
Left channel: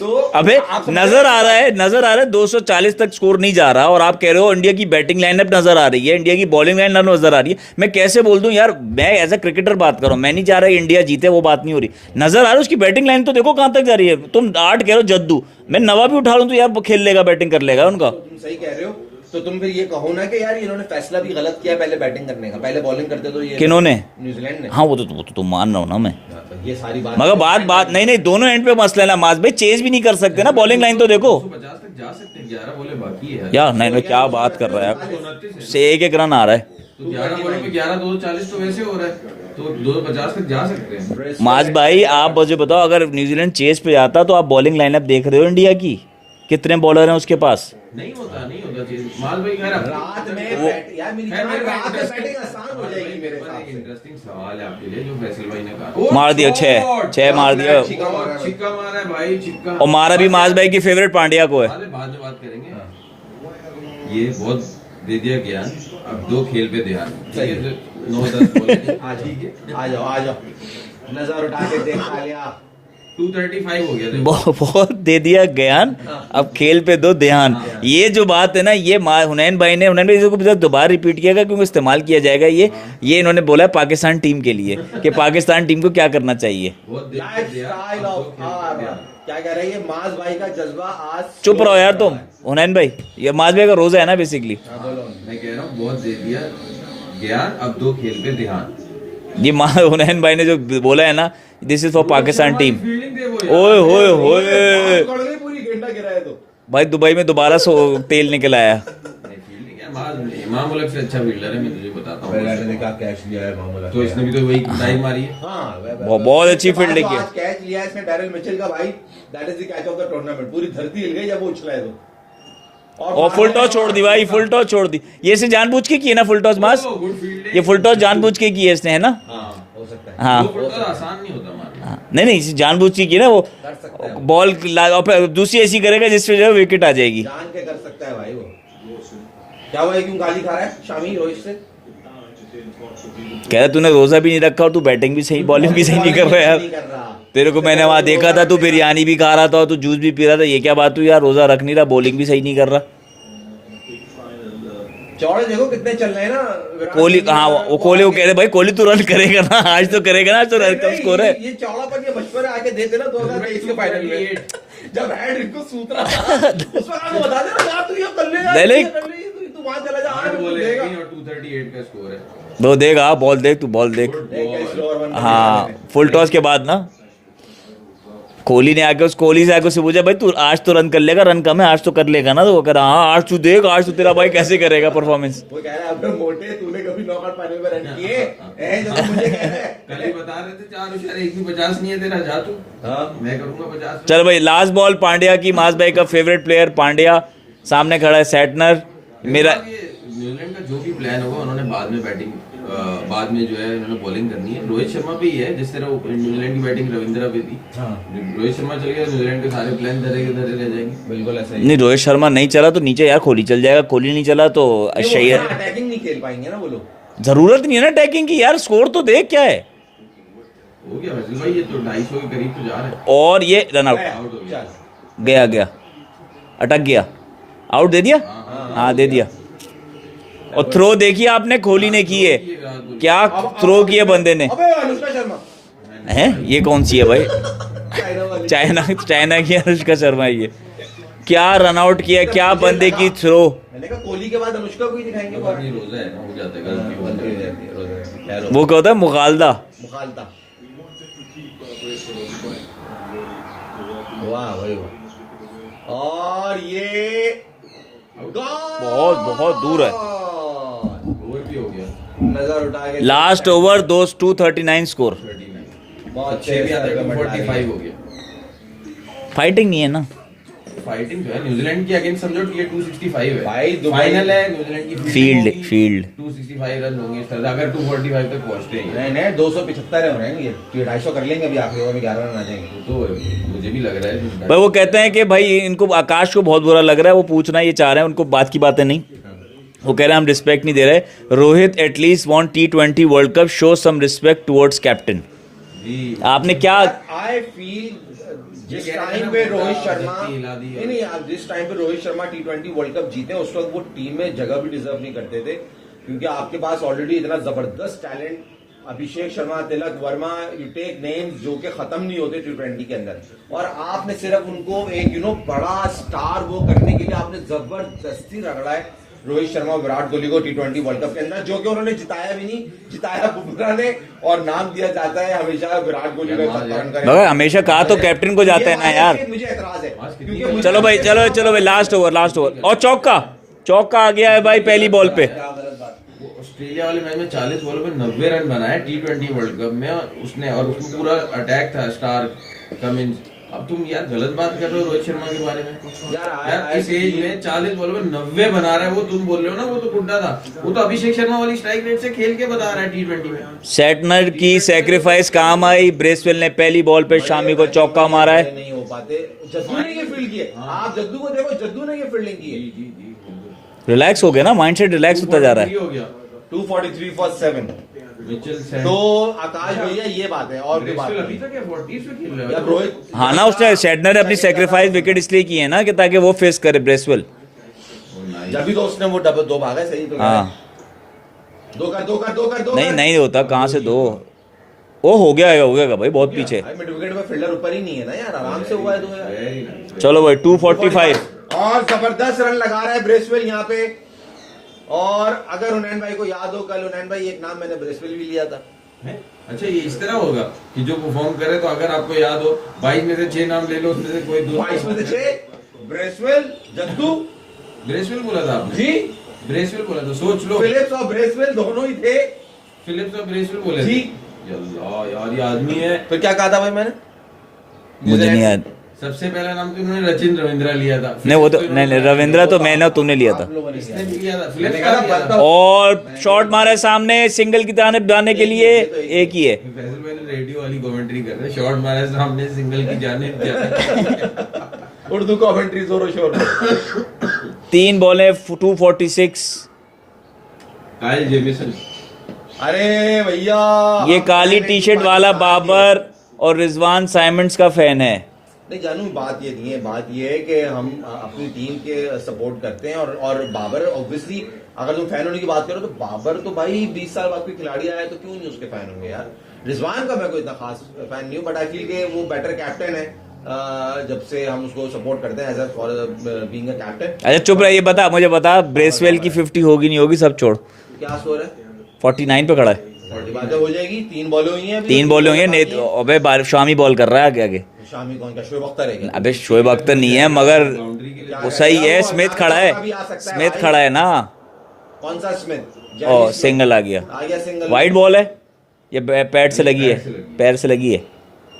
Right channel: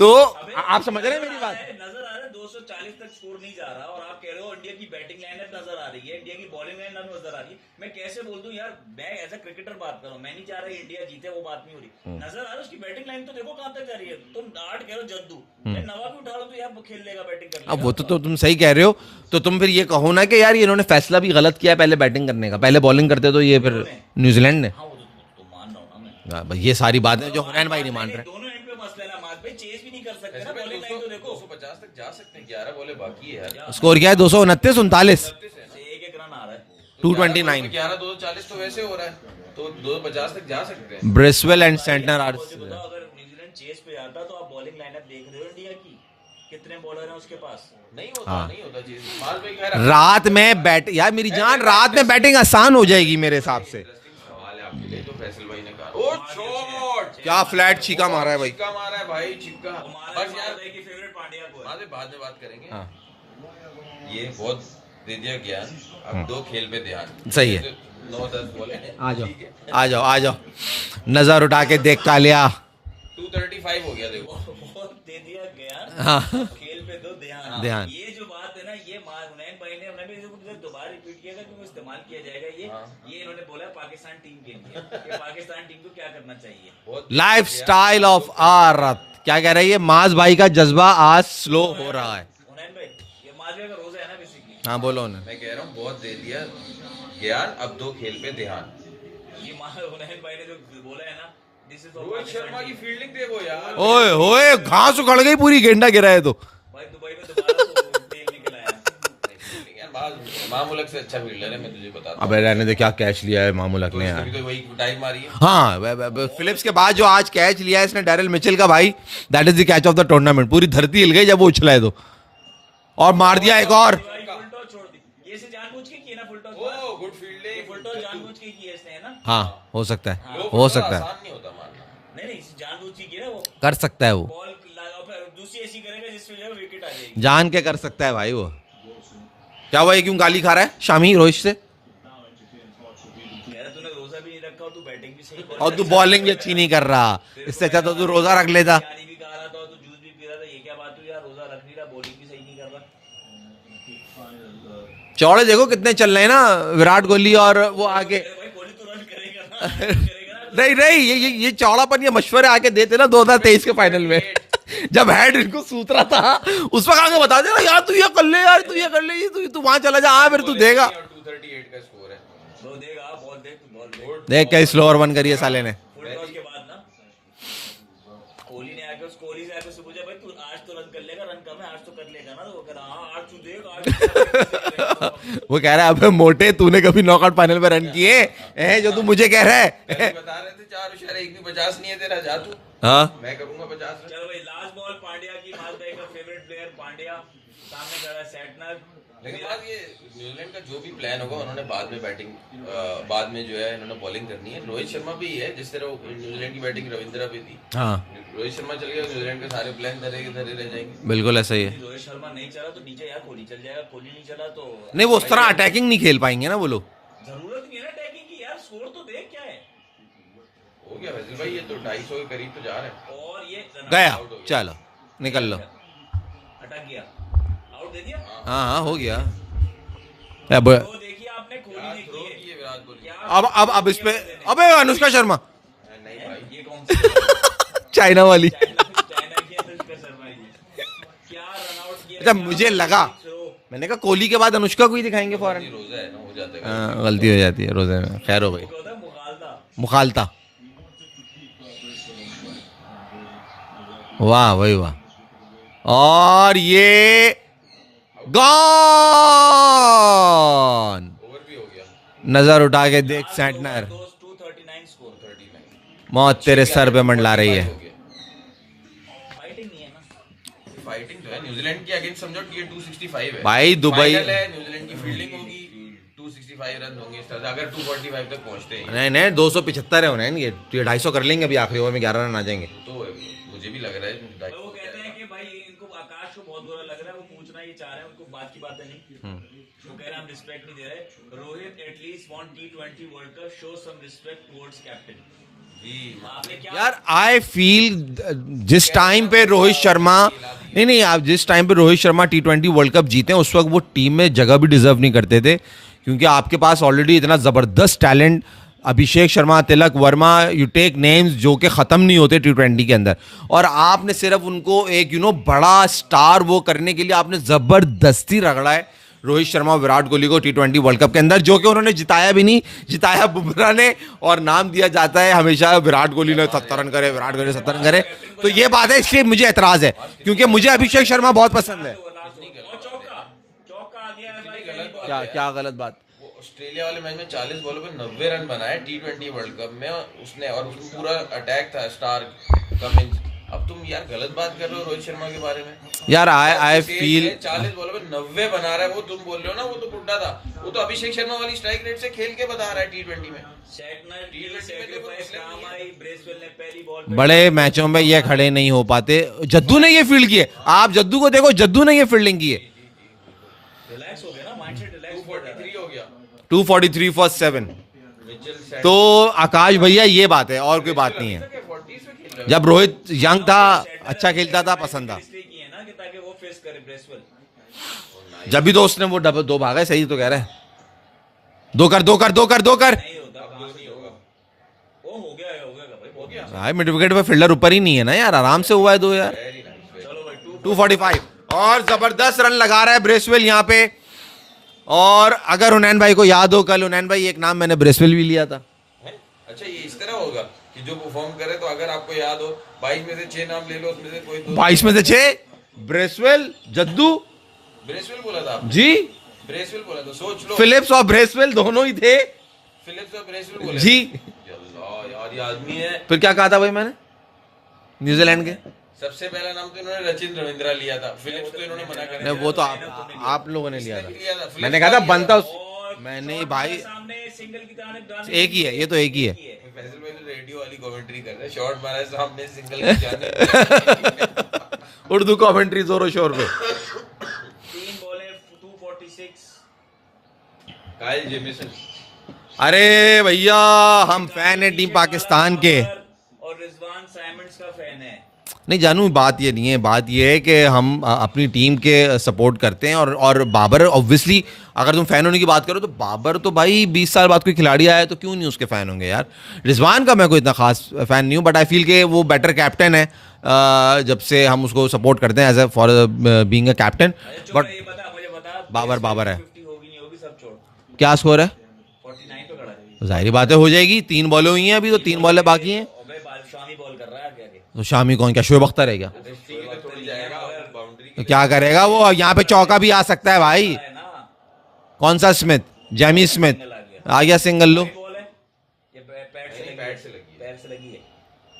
तो अबे आप समझ नजर रहे आ रहा है 240 तक स्कोर नहीं जा रहा और आप कह रहे हो इंडिया की बैटिंग लाइनअप नजर आ रही है, इंडिया की बॉलिंग लाइनअप नजर आ रही है। मैं कैसे बोल दूं यार, मैं एज अ क्रिकेटर बात कर रहा हूं, मैं नहीं चाह रहा इंडिया जीते, वो बात नहीं हो रही। नजर आ रहा है उसकी बैटिंग लाइन तो देखो कहां तक जा रही है। तुम 8 कह रहे हो जद्दू, मैं नवा भी उठा लूं तो यार वो खेल लेगा, बैटिंग कर लेगा उनका। तो तुम सही कह रहे हो। तो तुम फिर ये कहो ना कि यार ये इन्होंने फैसला भी गलत किया है पहले बैटिंग करने का, पहले बॉलिंग करते तो ये किन्होंने? न्यूजीलैंड ने। हाँ वो तो तुम मान रहा हूं ना मैं, ये सारी बात मगर बात नहीं दोनों एंड पे मसला है ना माज भाई, चेज भी नहीं कर सकते ना बॉलिंग लाइन तो देखो 250 तक जा सकते हैं, 11 बॉलें बाकी है। क्या स्कोर क्या है? 229 बात कर रहा है? 39 से एक रन आ रहा है। 229 11 240 तो वैसे हो रहा है, तो 250 तक जा सकते हैं। ब्रिस्वेल माज एंड भाई सेंटर। आप मुझे बताओ, अगर न्यूजीलैंड चेस पे जाता तो आप बॉलिंग लाइनअप देख रहे हो इंडिया की, कितने बॉलर हैं उसके पास। नहीं होता चीज। माल भाई खैर रात में बैट यार मेरी जान, रात में बैटिंग आसान हो जाएगी मेरे हिसाब से। इंटरेस्टिंग सवाल है आपके लिए जो फैसल भाई ने कहा। मार दिया, छह मार फ्लैट दिया। छिक्का मारा है भाई। छिक्का मारा है भाई, छिक्का। और मारा भी माज भाई की फेवरेट पांड्या को है। बाद में बात करेंगे। ये बहुत दे दिया ज्ञान, अब 2 खेल पे ध्यान। सही है। 9-10 बॉल ठीक है। आ जाओ नजर उठा के देख कालिया। 235 हो गया देखो। बहुत दे दिया ज्ञान, अब खेल पे दो ध्यान। ये जो बात है ना, ये हुनैन भाई इसको दोबारा रिपीट किया क्योंकि इस्तेमाल किया जाएगा। ये इन्होंने बोला है पाकिस्तान टीम के लिए कि पाकिस्तान टीम को क्या करना चाहिए। लाइफ स्टाइल ऑफ आरत क्या कह रही है माज भाई का जज्बा आज चुप slow रहो यार हो तुम। रहा है। हुनैन भाई, ये माज भाई का रोजा है ना बेसिकली। हाँ बोलो ना। मैं कह रहा हूँ बहुत दे दिया ज्ञान, अब 2 खेल पे ध्यान। ये हुनैन भाई ने जो बोला है ना, this is for Pakistan team. Fielding दे वो ओए होए ओए होए, घास उखड़ गई पूरी, गेंडा गिरा है तो भाई दुबई में दोबारा तेल निकल आया। मामूलक से अच्छा फील्डर है, मैं तुझे बता रहा हूँ। अबे रहने दे, क्या कैच लिया है मामूला तो इसने भी तो वही डाइव मारी है। हाँ बहुत अच्छी इसके बाद फील्डिंग जो है। आज कैच लिया है इसने डैरिल मिचेल का भाई, that is the catch of the tournament. पूरी धरती हिल गई जब वो उछला है तो, और मार फुल दिया टॉस एक छोड़ और। दी भाई, फुल टॉस छोड़ दी। ये इसे जानबूझ के किए ना फुल टॉस मास, ये फुल टॉस जानबूझ के किए इसने, है ना। हाँ हो सकता है, हाँ, हो सकता है, आसान नहीं होता मारना। हाँ, नहीं इसे जानबूझ के किए ना वो। कर सकता है वो, बॉल और फिर दूसरी ऐसी करेगा जिससे जो है विकेट आ जाएगी। जान के कर सकता है भाई वो। क्या हुआ, ये क्यों गाली खा रहा है शामी रोहित से? कह रहा तूने रोजा भी नहीं रखा और तू बैटिंग भी सही, बॉलिंग भी सही नहीं कर रहा नहीं यार। कर रहा। तेरे को इससे मैंने करो वहां तो देखा रोजा था, रख तू लेता। बिरयानी भी खा रहा था और तू जूस भी पी रहा था। ये क्या बात हुई यार, रोजा रख नहीं रहा, बॉलिंग भी सही नहीं कर रहा। चौड़े देखो कितने चल रहे हैं ना विराट कोहली और वो कोहली को कह रहे भाई कोहली तू रन करेगा ना, आज तो करेगा ना, आज तो नहीं रन नहीं स्कोर है। ये चौड़ापन ये मशवरे आके देते ना 2023 के फाइनल में जब हेड इनको सूत रहा था उस वक्त आके बता देना यार तू ये कर ले यार, नहीं, ये कर ले, तू वहां चला जा, फिर तू देगा। 238 का स्कोर है। वो देगा, बॉल देख, तू बॉल देख। देख कई स्लोअर वन करिए साले ने। फुल टॉस के बाद ना कोहली ने आके कोहली से आके उससे पूछा भाई तू आज तो रन कर लेगा, रन कम है आज तो कर लेगा ना। तो वो कह रहा हाँ आज तू देख, आज तो तेरा भाई कैसे करेगा परफॉर्मेंस। वो कह रहा है अबे मोटे तूने कभी नॉकआउट फाइनल में रन किए हैं जो तू मुझे कह रहा है? बता रहे थे 4 इशारे, एक भी 50 नहीं है तेरा, जा तू। हाँ मैं करूंगा 50। चल भाई लास्ट बॉल पांड्या की, मास भाई का फेवरेट प्लेयर पांड्या सामने खड़ा है, सेटनर मेरा। न्यूजीलैंड का जो भी प्लान होगा उन्होंने बाद में बैटिंग, बाद में जो है उन्होंने बॉलिंग करनी है। रोहित शर्मा पे ही है, जिस तरह न्यूजीलैंड की बैटिंग रविंद्रा पे थी। हाँ रोहित शर्मा चल गया, न्यूजीलैंड के सारे प्लान धरे के धरे रह जाएंगे। बिल्कुल ऐसा ही है। नहीं रोहित शर्मा नहीं चला तो नीचे यार कोहली चल जाएगा, कोहली नहीं चला तो नहीं वो अक्षय थोड़ा अटैकिंग नहीं खेल पाएंगे ना वो लोग। जरूरत नहीं है ना अटैकिंग की यार, स्कोर तो देख क्या है। हो गया वैसे भाई, ये तो 250 के करीब तो जा रहा है। और ये रन गया आउट, चलो गया गया, अटक गया, आउट दे दिया। हाँ, हाँ हो दे गया। दिया। और थ्रो देखिए आपने कोहली ने की है, क्या थ्रो किया बंदे ने। अबे अनुष्का शर्मा है ये कौन सी है भाई? चाइना वाली। चाइना की अनुष्का शर्मा है ये। क्या रन आउट किया, जब क्या मुझे बंदे लगा- की थ्रो। मैंने कहा कोहली के बाद अनुष्का को ही दिखाएंगे फौरन। नहीं, रोजा है ना, हो जाता है हाँ, गलती हो जाती है रोजे में, खैर हो। वो क्या होता है मुगालदा। मुखालता। वाह भाई वाह, और ये बहुत दूर गॉन। ओवर भी हो गया। नजर उठा के लास्ट देख, ओवर 239 स्कोर। 39 मौत तेरे सर पे मंडला रही 45 है। हो गया। फाइटिंग नहीं है ना। फाइटिंग तो है न्यूजीलैंड की अगेंस्ट, समझो कि ये 265 है भाई, दुबई- फाइनल है, न्यूजीलैंड की फील्ड 265 रन होंगे इस तरह से, अगर 245 तक पहुंचते हैं नहीं नहीं 275 है उन्हें, ये 250 कर लेंगे अभी, आखिरी ओवर में 11 रन आ जाएंगे। तो मुझे भी लग रहा है। भाई वो कहते हैं कि भाई इनको आकाश को बहुत बुरा लग रहा है, वो पूछना ये चाह रहे हैं, उनको बात की बातें नहीं। वो कह रहे हैं हम रिस्पेक्ट नहीं दे रहे। Rohit at least won T20 world cup, show some respect towards captain. आपने क्या आई फील जिस टाइम पे रोहित शर्मा नहीं आप जिस टाइम पे Rohit Sharma T20 world cup जीते उस वक्त वो टीम में जगह भी डिजर्व नहीं करते थे, क्योंकि आपके पास ऑलरेडी इतना ज़बरदस्त talent, Abhishek Sharma, Tilak Varma, you take names जो कि ख़त्म नहीं होते T20 के अंदर, और आपने सिर्फ उनको एक बड़ा स्टार वो करने के लिए आपने ज़बरदस्ती रगड़ा है रोहित शर्मा, विराट कोहली को T20 वर्ल्ड कप के अंदर, जो कि उन्होंने जिताया भी नहीं, जिताया बुमराह ने, और नाम दिया जाता है हमेशा विराट कोहली ने 70 रन करे। मगर हमेशा कहा तो कैप्टन को जाता ये है बात ना है, यार। इसलिए मुझे एतराज है, क्योंकि मुझे चलो भाई, अभिषेक शर्मा बहुत लास्ट ओवर और चौका चौका आ गया है भाई पहली बॉल पे। क्या गलत बात? वो ऑस्ट्रेलिया वाले मैच में 40 बॉलों पे 90 रन बनाए T20 वर्ल्ड कप में उसने, और उसमें पूरा अटैक था स्टार कमिंस। अब तुम यार गलत बात कर रहे हो रोहित शर्मा के बारे में यार आई फील 40 बॉलों पे 90 बना रहा है, वो तुम बोल रहे हो ना वो तो बुड्ढा था, वो तो अभिषेक शर्मा वाली स्ट्राइक रेट से खेल के बता रहा है T20 में। सेटनर की सैक्रिफाइस काम आई, ब्रेसवेल ने पहली बॉल पे बड़े शामी को मैचों में चौका ये मारा खड़े है। नहीं हो पाते। जद्दू ने ये फील्ड की है, आप जद्दू को देखो, जद्दू ने ये फील्डिंग की है। रिलैक्स हो गया ना, माइंडसेट रिलैक्स होता जा रहा है। हो गया 243 फॉर 7। मिचेल तो आकाश भैया ये बात है, और कोई बात नहीं है। जब रोहित हाँ यंग ना, था, उसने सेटनर ने अच्छा अपनी खेलता था, सैक्रिफाइस पसंद विकेट था। इसलिए की है ना कि ताकि वो फेस करे ब्रेसवेल। जब भी तो उसने वो डबल 2 भागा, सही तो कह रहे हाँ। हैं। 2 कर 2 कर 2 कर 2 नहीं, कर। नहीं होता, कहाँ से 2? ओ हो गया भाई, बहुत पीछे। भाई मिड विकेट पे फील्डर ऊपर ही नहीं है ना यार, आराम से हुआ है 2 यार। चलो भाई 245। और जबरदस्त रन लगा रहा है ब्रेसवेल यहाँ पे। और अगर उनैन भाई को याद हो, कल उनैन भाई एक नाम मैंने ब्रेसवेल भी लिया था। अच्छा ये इस तरह होगा कि जो परफॉर्म करे, तो अगर आपको याद हो 22 में से 6 नाम ले लो, उसमें से कोई 2। 22 में से 6 ब्रेसवेल, जद्दू ब्रेसवेल बोला था आपने? जी, ब्रेसवेल बोला था, सोच लो। फिलिप्स और ब्रेसवेल दोनों ही थे फिलिप्स और ब्रेसवेल बोले जी। थे। अल्लाह यार ये आदमी है। फिर क्या कहा था भाई मैंने? मुझे नहीं याद। सबसे पहला नाम तो इन्होंने रचिन रविंद्रा लिया था। नहीं वो तो नहीं, रविंद्रा तो मैंने और तुमने लिया था। आप लोगों ने इसने लिया भी लिया था। था। फिलिप्स मैंने कहा था का लिया बनता। और शॉट मारा है सामने, सिंगल की तरह जाने के एक ही लिए है, ये तो एक ही एक ही है। फैसल भाई ने रेडियो वाली कमेंट्री कर रहे हैं, शॉट मारा है सामने, सिंगल की जाने। उर्दू कमेंट्री जोरो शोर में। 3 बॉलें 246। Kyle Jameson. अरे भैया, ये हम काली fan हैं टी टीम शर्ट वाला पाकिस्तान के। बाबर और रिजवान साइमंड्स का फैन है। नहीं जानू, बात ये नहीं है, बात ये है कि हम अपनी टीम के सपोर्ट करते हैं। और बाबर ऑब्वियसली, अगर तुम फैन होने की बात करो तो बाबर तो भाई 20 साल बाद कोई खिलाड़ी आया तो क्यों नहीं उसके फैन होंगे यार। रिजवान का मैं कोई इतना खास फैन नहीं हूँ, बट आई फील के वो बेटर कैप्टन है जब से हम उसको सपोर्ट करते हैं as a for being a captain. अच्छा चुप रहा, ये बता मुझे बता, ब्रेसवेल बाबर की है। 50 होगी नहीं होगी सब छोड़, क्या स्कोर है? 49 पे खड़ा है। जाहिर बात है हो जाएगी, 3 बॉलें हुई हैं अभी, 3 तो बॉल बॉलें बाकी हैं। अबे शामी बॉल कर रहा है आगे आगे। तो शामी कौन, क्या शोएब अख्तर है क्या? अबे शोएब अख्तर नहीं है, मगर तो क्या सही करेगा है, वो? स्मिथ यहाँ पे खड़ा चौका है। भी आ सकता है स्मिथ भाई। खड़ा है ना। कौन सा स्मिथ? Jamie Smith. सिंगल आ गया, आ गया सिंगल। वाइड बॉल है, ये पैड से लगी है, पैर से लगी है।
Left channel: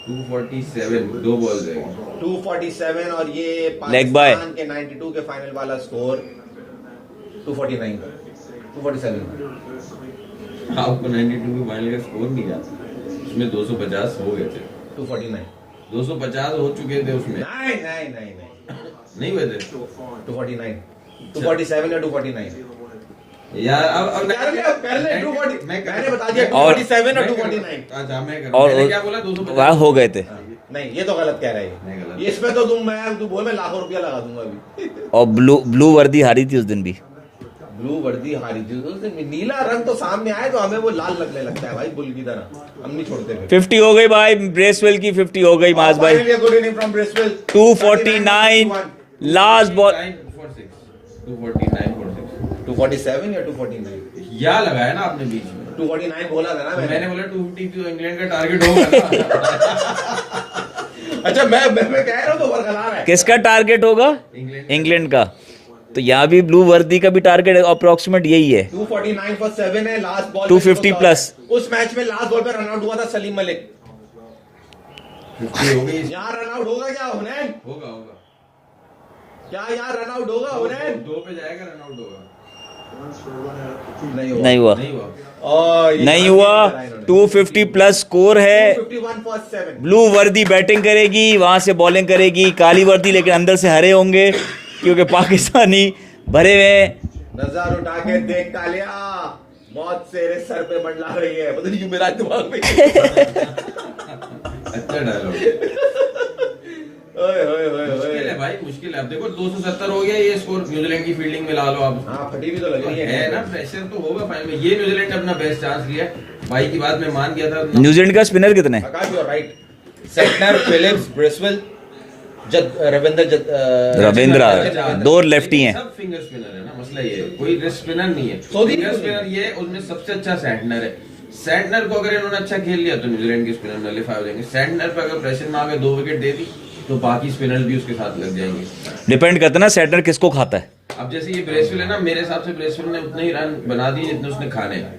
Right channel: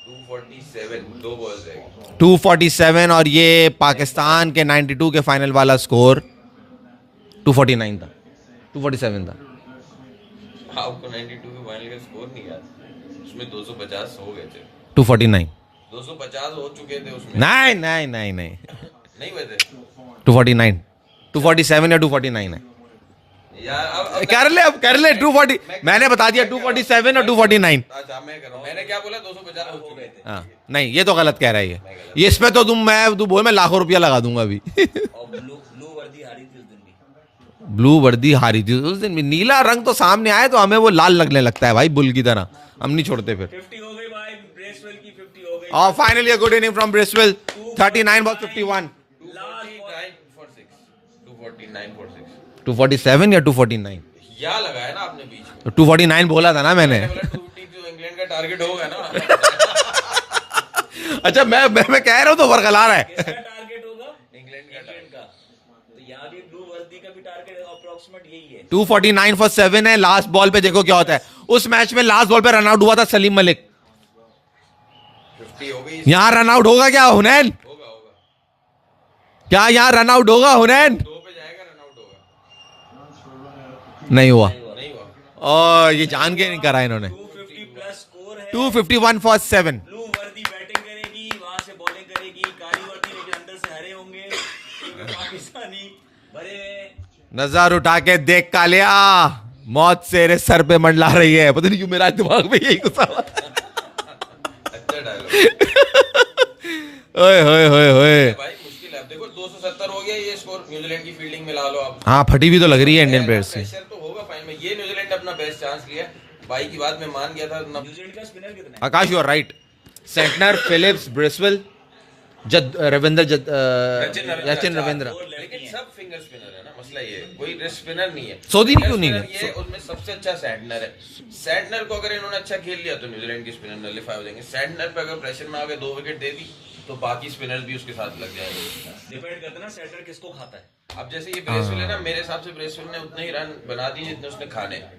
247, 2 बॉल जाएगी। 247 और ये पाकिस्तान के 92 के फाइनल वाला स्कोर 249 था, 247 था। आपको 92 के फाइनल का स्कोर नहीं याद? उसमें 250 हो गए थे। 249 250 हो चुके थे उसमें। नहीं नहीं नहीं नहीं, नहीं हुए थे 249, 247 या 249 है। यार अब कर ले, अब कर ले 240। मैंने बता दिया 247 और 249। अच्छा मैं कर, और मैंने क्या बोला 250? वहाँ हो गए थे। हाँ, नहीं ये तो गलत कह रहा है ये इसमें तो तू बोल मैं लाखों रुपया लगा दूंगा अभी। और ब्लू वर्दी हारी थी उस दिन भी। ब्लू वर्दी हारी थी उस दिन भी। नीला रंग तो सामने आए तो हमें वो लाल लगने लगता है भाई, बुल की तरह। हम नहीं छोड़ते फिर। 50 हो गई भाई, ब्रेसवेल की 50 हो गई बात भाई। Finally good inning from Bracewell. 249 last ball. 247 या 249? या लगाया ना आपने बीच में। तो 249 बोला था ना मैंने। मैंने बोला 250 तो इंग्लैंड का टारगेट होगा ना। अच्छा मैं कह रहा हूँ तो बरकरार है। किसका टारगेट होगा? इंग्लैंड का। तो यहाँ भी ब्लू वर्दी का भी टारगेट अप्रोक्सीमेट यही है। 249 फॉर 7 है लास्ट बॉल पे। देखो क्या होता है उस मैच में, लास्ट बॉल पे रन आउट हुआ था सलीम मलिक। 50 हो गई। यहाँ रन आउट होगा क्या हुनैन? होगा होगा। क्या यहाँ रन आउट होगा हुनैन? 2 पे जाएगा, रन आउट होगा। नहीं हुआ। नहीं हुआ, नहीं हुआ। और ये नहीं जान के हुआ। करा इन्होंने। 250 प्लस स्कोर है। 251 फॉर 7। ब्लू वर्दी बैटिंग करेगी, वहां से बॉलिंग करेगी काली वर्दी, लेकिन अंदर से हरे होंगे क्योंकि पाकिस्तानी भरे हुए। नजर उठा के देख कालिया, मौत तेरे सर पे मंडला रही है। पता नहीं क्यों मेरा दिमाग में अच्छा डायलॉग। ओए होए होए होए। भाई मुश्किल है। अब देखो 270 हो गया ये स्कोर, न्यूजीलैंड की फील्डिंग में ला लो आप। हाँ फटी भी तो लग रही है इंडियन प्लेयर्स से। प्रेशर तो होगा फाइनल में। ये न्यूजीलैंड अपना बेस्ट चांस लिया। भाई की बात मैं मान गया था। न्यूजीलैंड का स्पिनर कितने? Akash you are right. Santner, Phillips, Bracewell, Ravindra Ravindra, 2 lefty हैं। सब फिंगर स्पिनर है ना, मसला ये है। कोई रिस्ट स्पिनर नहीं है। सऊदी फिंगर क्यों नहीं है? स्पिनर ये उसमें सबसे अच्छा सैंटनर है। सैंटनर को अगर इन्होंने अच्छा खेल लिया तो न्यूजीलैंड के स्पिनर नलिफाई हो जाएंगे। सैंटनर पे अगर प्रेशर में आके 2 विकेट दे दी तो बाकी स्पिनर्स भी उसके साथ लग जाएंगे। डिपेंड करता है ना सैटनर किसको खाता है। अब जैसे ये ब्रेसवेल है ना, मेरे हिसाब से ब्रेसवेल ने उतने ही रन बना दिए जितने उसने खाने हैं।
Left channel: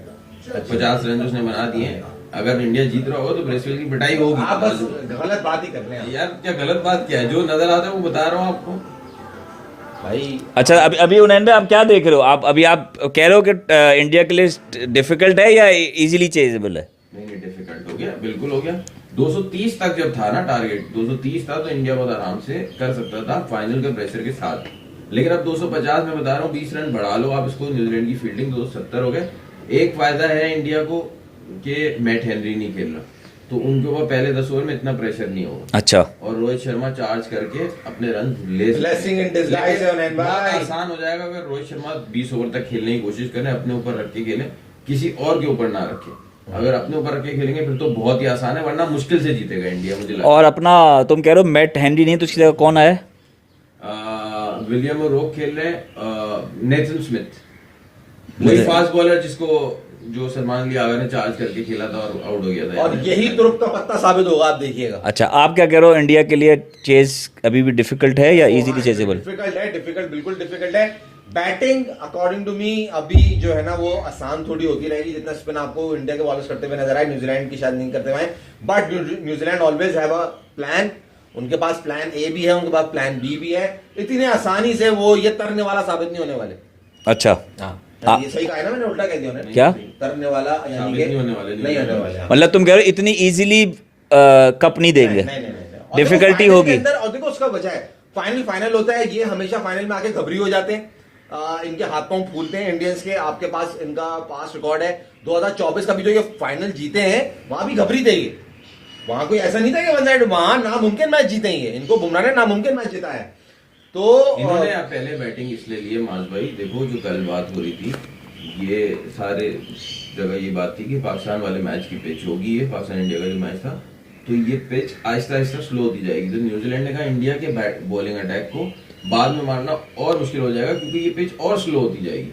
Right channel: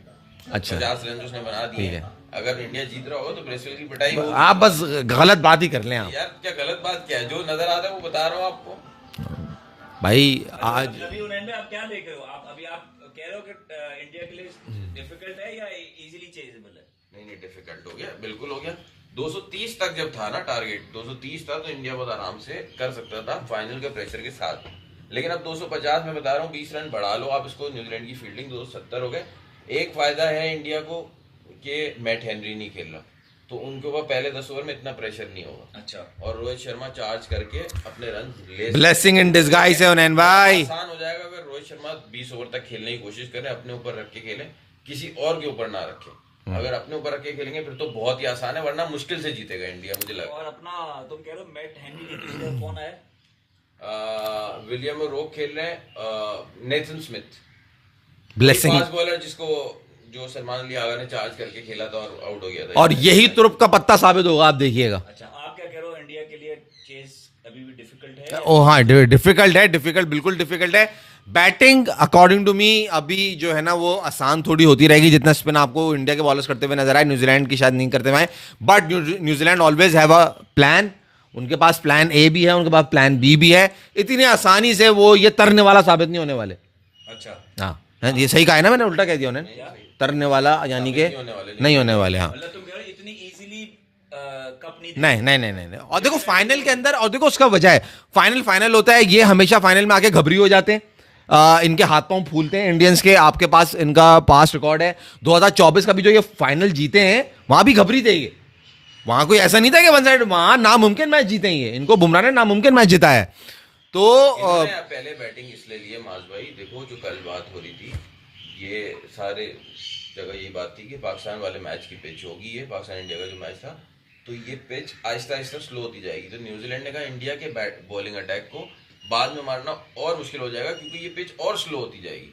अच्छा। 50 रन उसने बना दिए हैं। अगर इंडिया जीत रहा होगा तो ब्रेसवेल की पिटाई होगी। आप बस गलत बात ही कर लें आप यार क्या गलत बात क्या है, जो नजर आता है वो बता रहा हूँ आपको भाई। अच्छा, अभी उन्नयन भाई आप क्या देख रहे हो? आप कह रहे हो कि इंडिया के लिए डिफिकल्ट है या इजीली चेजेबल है? नहीं डिफिकल्ट हो गया, बिल्कुल हो गया। 230 तक जब था ना टारगेट, 230 था तो इंडिया बहुत आराम से कर सकता था फाइनल के प्रेशर के साथ। लेकिन अब 250 में बता रहा हूँ, 20 रन बढ़ा लो आप इसको। न्यूजीलैंड की फील्डिंग 270 हो गए। एक फायदा है इंडिया को कि मैट हेनरी नहीं खेल रहा, तो उनके ऊपर पहले 10 ओवर में इतना प्रेशर नहीं होगा। अच्छा, और रोहित शर्मा चार्ज करके अपने रन ले ब्लेसिंग इन डिस्गाइज है उन्नयन भाई। आसान हो जाएगा अगर रोहित शर्मा 20 ओवर तक खेलने की कोशिश करें, अपने ऊपर रख के खेलें, किसी और के ऊपर ना रखें। अगर अपने ऊपर रख के खेलेंगे फिर तो बहुत ही आसान है, वरना मुश्किल से जीतेगा इंडिया मुझे लगता है। और अपना तुम कह रहे हो मैट हेनरी नहीं तो उसकी जगह कौन आया? विलियम रोक खेल रहे हैं, Nathan Smith, Blessing। Fast bowler जिसको जो सलमान अली आगा ने चार्ज करके खेला था और आउट हो गया था। और यही तुरुप का पत्ता साबित होगा, आप देखिएगा। अच्छा, आप क्या कह रहे हो, इंडिया के लिए चेज अभी भी डिफिकल्ट है या हाँ, easily chaseable? डिफिकल्ट है, डिफिकल्ट, बिल्कुल डिफिकल्ट है। बैटिंग अकॉर्डिंग टू मी अभी जो है ना वो आसान थोड़ी होती रहेगी, जितना स्पिन आपको इंडिया के बॉलर्स करते हुए नजर आए, न्यूजीलैंड की शायद नहीं करते हुए। But New Zealand always have a plan. उनके पास प्लान ए भी है, उनके पास प्लान बी भी है। इतनी आसानी से वो ये तरने वाला साबित नहीं होने वाले। अच्छा, हाँ, ये सही कहा है ना मैंने, उल्टा कह दिया उन्हें। क्या तरने वाला यानी कि नहीं होने वाले। हाँ, मतलब तुम कह रहे हो इतनी इजीली कप नहीं देंगे? नहीं। और देखो डिफिकल्टी फाइनल होगी के अंदर, और देखो उसका वजह है, फाइनल होता है, ये हमेशा फाइनल में आके घबरी हो जाते हैं। इनके हाथ पांव फूलते हैं इंडियंस के। आपके पास इनका पास्ट रिकॉर्ड है, 2024 का भी जो ये फाइनल जीते हैं वहां भी घबरी थे ये। वहां कोई ऐसा नहीं था कि वन साइड, वहां नामुमकिन मैच जीते ही है। इनको बुमराह ने नामुमकिन मैच जीता है। तो इन्होंने पहले बैटिंग इसलिए लिए माज भाई, देखो जो कल बात हो रही थी, ये सारे जगह ये बात थी कि पाकिस्तान वाले मैच की पिच होगी, ये पाकिस्तान इंडिया का जो मैच था, तो ये पिच आहिस्ता आहिस्ता स्लो होती जाएगी। तो न्यूजीलैंड ने कहा इंडिया के बॉलिंग अटैक को बाद में मारना और मुश्किल हो जाएगा, क्योंकि ये पिच और स्लो होती जाएगी।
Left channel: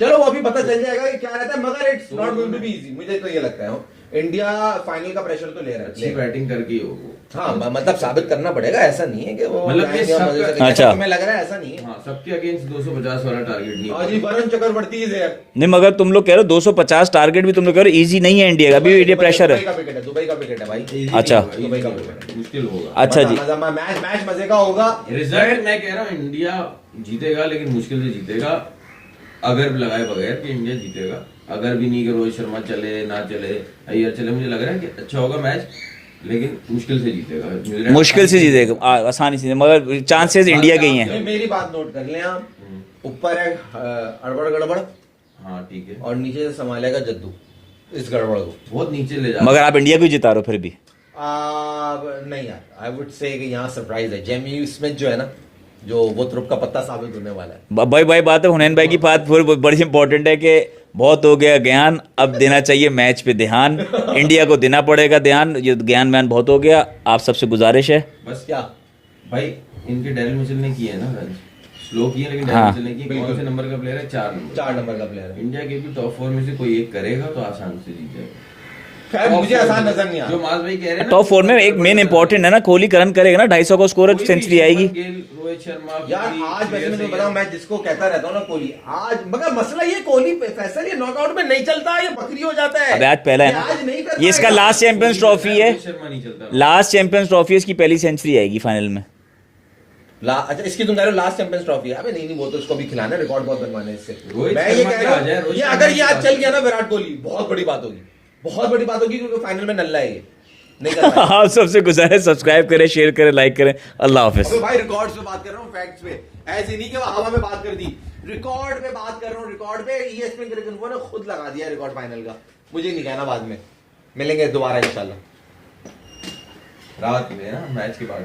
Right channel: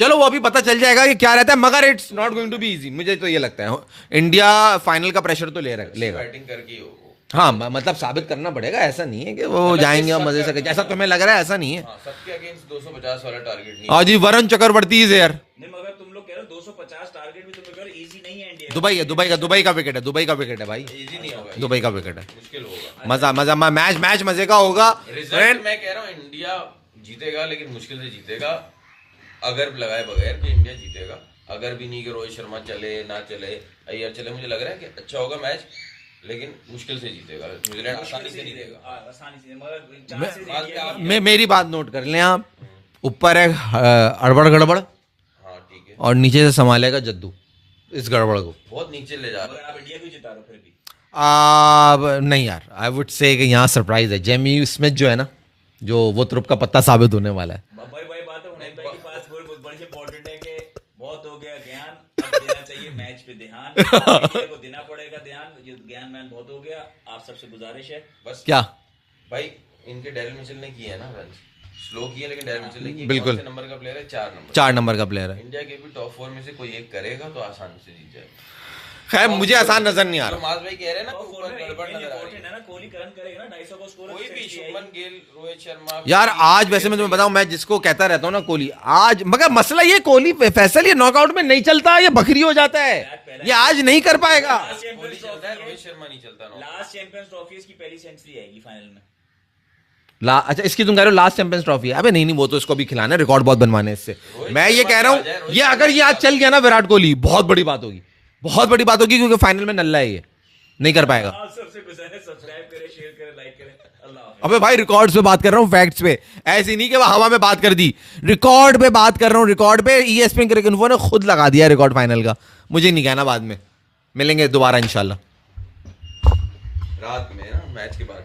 चलो वो अभी पता चल जाएगा कि क्या रहता है, मगर it's not going to be easy. मुझे तो ये लगता है इंडिया फाइनल का प्रेशर तो ले रहा है। बैटिंग करके ही होगा। हाँ, मतलब साबित करना पड़ेगा, ऐसा नहीं है कि वो मतलब जाएंगे और मजे से करेंगे। अच्छा। ऐसा तुम्हें लग रहा है, ऐसा नहीं है। हाँ, सबके अगेंस्ट 250 वाला टारगेट नहीं। और जी वरुण चक्रवर्ती इज हियर। नहीं, मगर तुम लोग कह रहे हो 250 टारगेट भी तुम लोग कह रहे हो इजी नहीं है इंडिया का, अभी इंडिया प्रेशर दुबई है। का विकेट है, दुबई का विकेट है भाई। अच्छा। दुबई का विकेट है, मुश्किल होगा। अच्छा जी। मजा मैच मजे का होगा। रिजल्ट मैं कह रहा हूँ इंडिया जीतेगा, लेकिन मुश्किल से जीतेगा। अगर लगाए बगैर कि इंडिया जीतेगा, अगर भी नहीं कि रोहित शर्मा चले ना चले, अय्यर चले, मुझे लग रहा है कि अच्छा होगा मैच, लेकिन मुश्किल से जीतेगा। मुश्किल से जीतेगा, आसानी से, मगर चांसेस इंडिया के ही हैं। मेरी बात नोट कर लें आप, ऊपर है अड़बड़ गड़बड़, हाँ ठीक है, और नीचे से संभालेगा जद्दू इस गड़बड़ को। बहुत नीचे ले जा। मगर आप इंडिया को ही जिता रहे हो फिर भी। नहीं यार, आई वुड से कि यहाँ सरप्राइज है। जेमी स्मिथ जो है ना, जो वो तुरुप का पत्ता साबित होने वाला है। भाई बात है हुनैन भाई की बात फिर बड़ी इंपॉर्टेंट है कि बहुत हो गया ज्ञान, अब देना चाहिए मैच पे ध्यान। इंडिया को देना पड़ेगा ध्यान, ये ज्ञान व्यान बहुत हो गया। आप सबसे गुजारिश है बस क्या भाई, इनके डेरिल मिचेल ने किए ना रन, स्लो किए, लेकिन डेरिल हाँ, मिचेल ने की। बिल्कुल। कौन से नंबर का प्लेयर है? 4 नंबर। 4 नंबर का प्लेयर है। इंडिया के भी टॉप 4 में से कोई एक करेगा तो आसान से जीत जाएगा। खैर मुझे आसान नजर नहीं आ जो रहा। माज भाई कह रहे हैं ना, टॉप 4 में एक मेन इंपॉर्टेंट है ना, कोहली का रन करेगा ना, 250 का स्कोर है, सेंचुरी आएगी। रोहित शर्मा यार आज वैसे मैं तुम्हें बताऊं, मैं जिसको कहता रहता हूं ना कोहली, आज मगर मसला ये कोहली फैसल ये नॉकआउट में नहीं चलता, ये बकरी हो जाता है। अबे आज पहला है ये ना। आज नहीं कर ये इसका पाएगा। लास्ट चैंपियंस ट्रॉफी है, रोहित शर्मा नहीं चलता। लास्ट चैंपियंस ट्रॉफी, इसकी पहली सेंचुरी आएगी फाइनल में। अच्छा इसकी तुम कह रहे हो लास्ट चैंपियंस ट्रॉफी है? अबे नहीं, वो तो इसको भी खिलाना है, रिकॉर्ड बहुत बनवाने इससे। रोहित मैं ये शर्मा कह पे रहा आ जाए, हूँ, रोहित ये शर्मा अगर ये पे आज आ चल गया ना विराट कोहली, बहुत बड़ी बात होगी, बहुत बड़ी बात होगी, क्योंकि फाइनल में नल्ला है, ये नहीं कर पाएगा। आप सबसे गुजारिश, सब्सक्राइब करें, शेयर करें, लाइक करें। अल्लाह हाफिज। अबे भाई रिकॉर्ड्स पे बात कर रहा हूँ, फैक्ट्स पे, ऐसी नहीं कि वो हवा में बात कर दी, रिकॉर्ड पे बात कर रहा हूँ। रिकॉर्ड पे ESPN क्रिकेट इन्फो ने खुद लगा दिया रिकॉर्ड फाइनल का, मुझे नहीं कहना। बाद में मिलेंगे दोबारा इंशाल्लाह रात में ना मैच के बाद।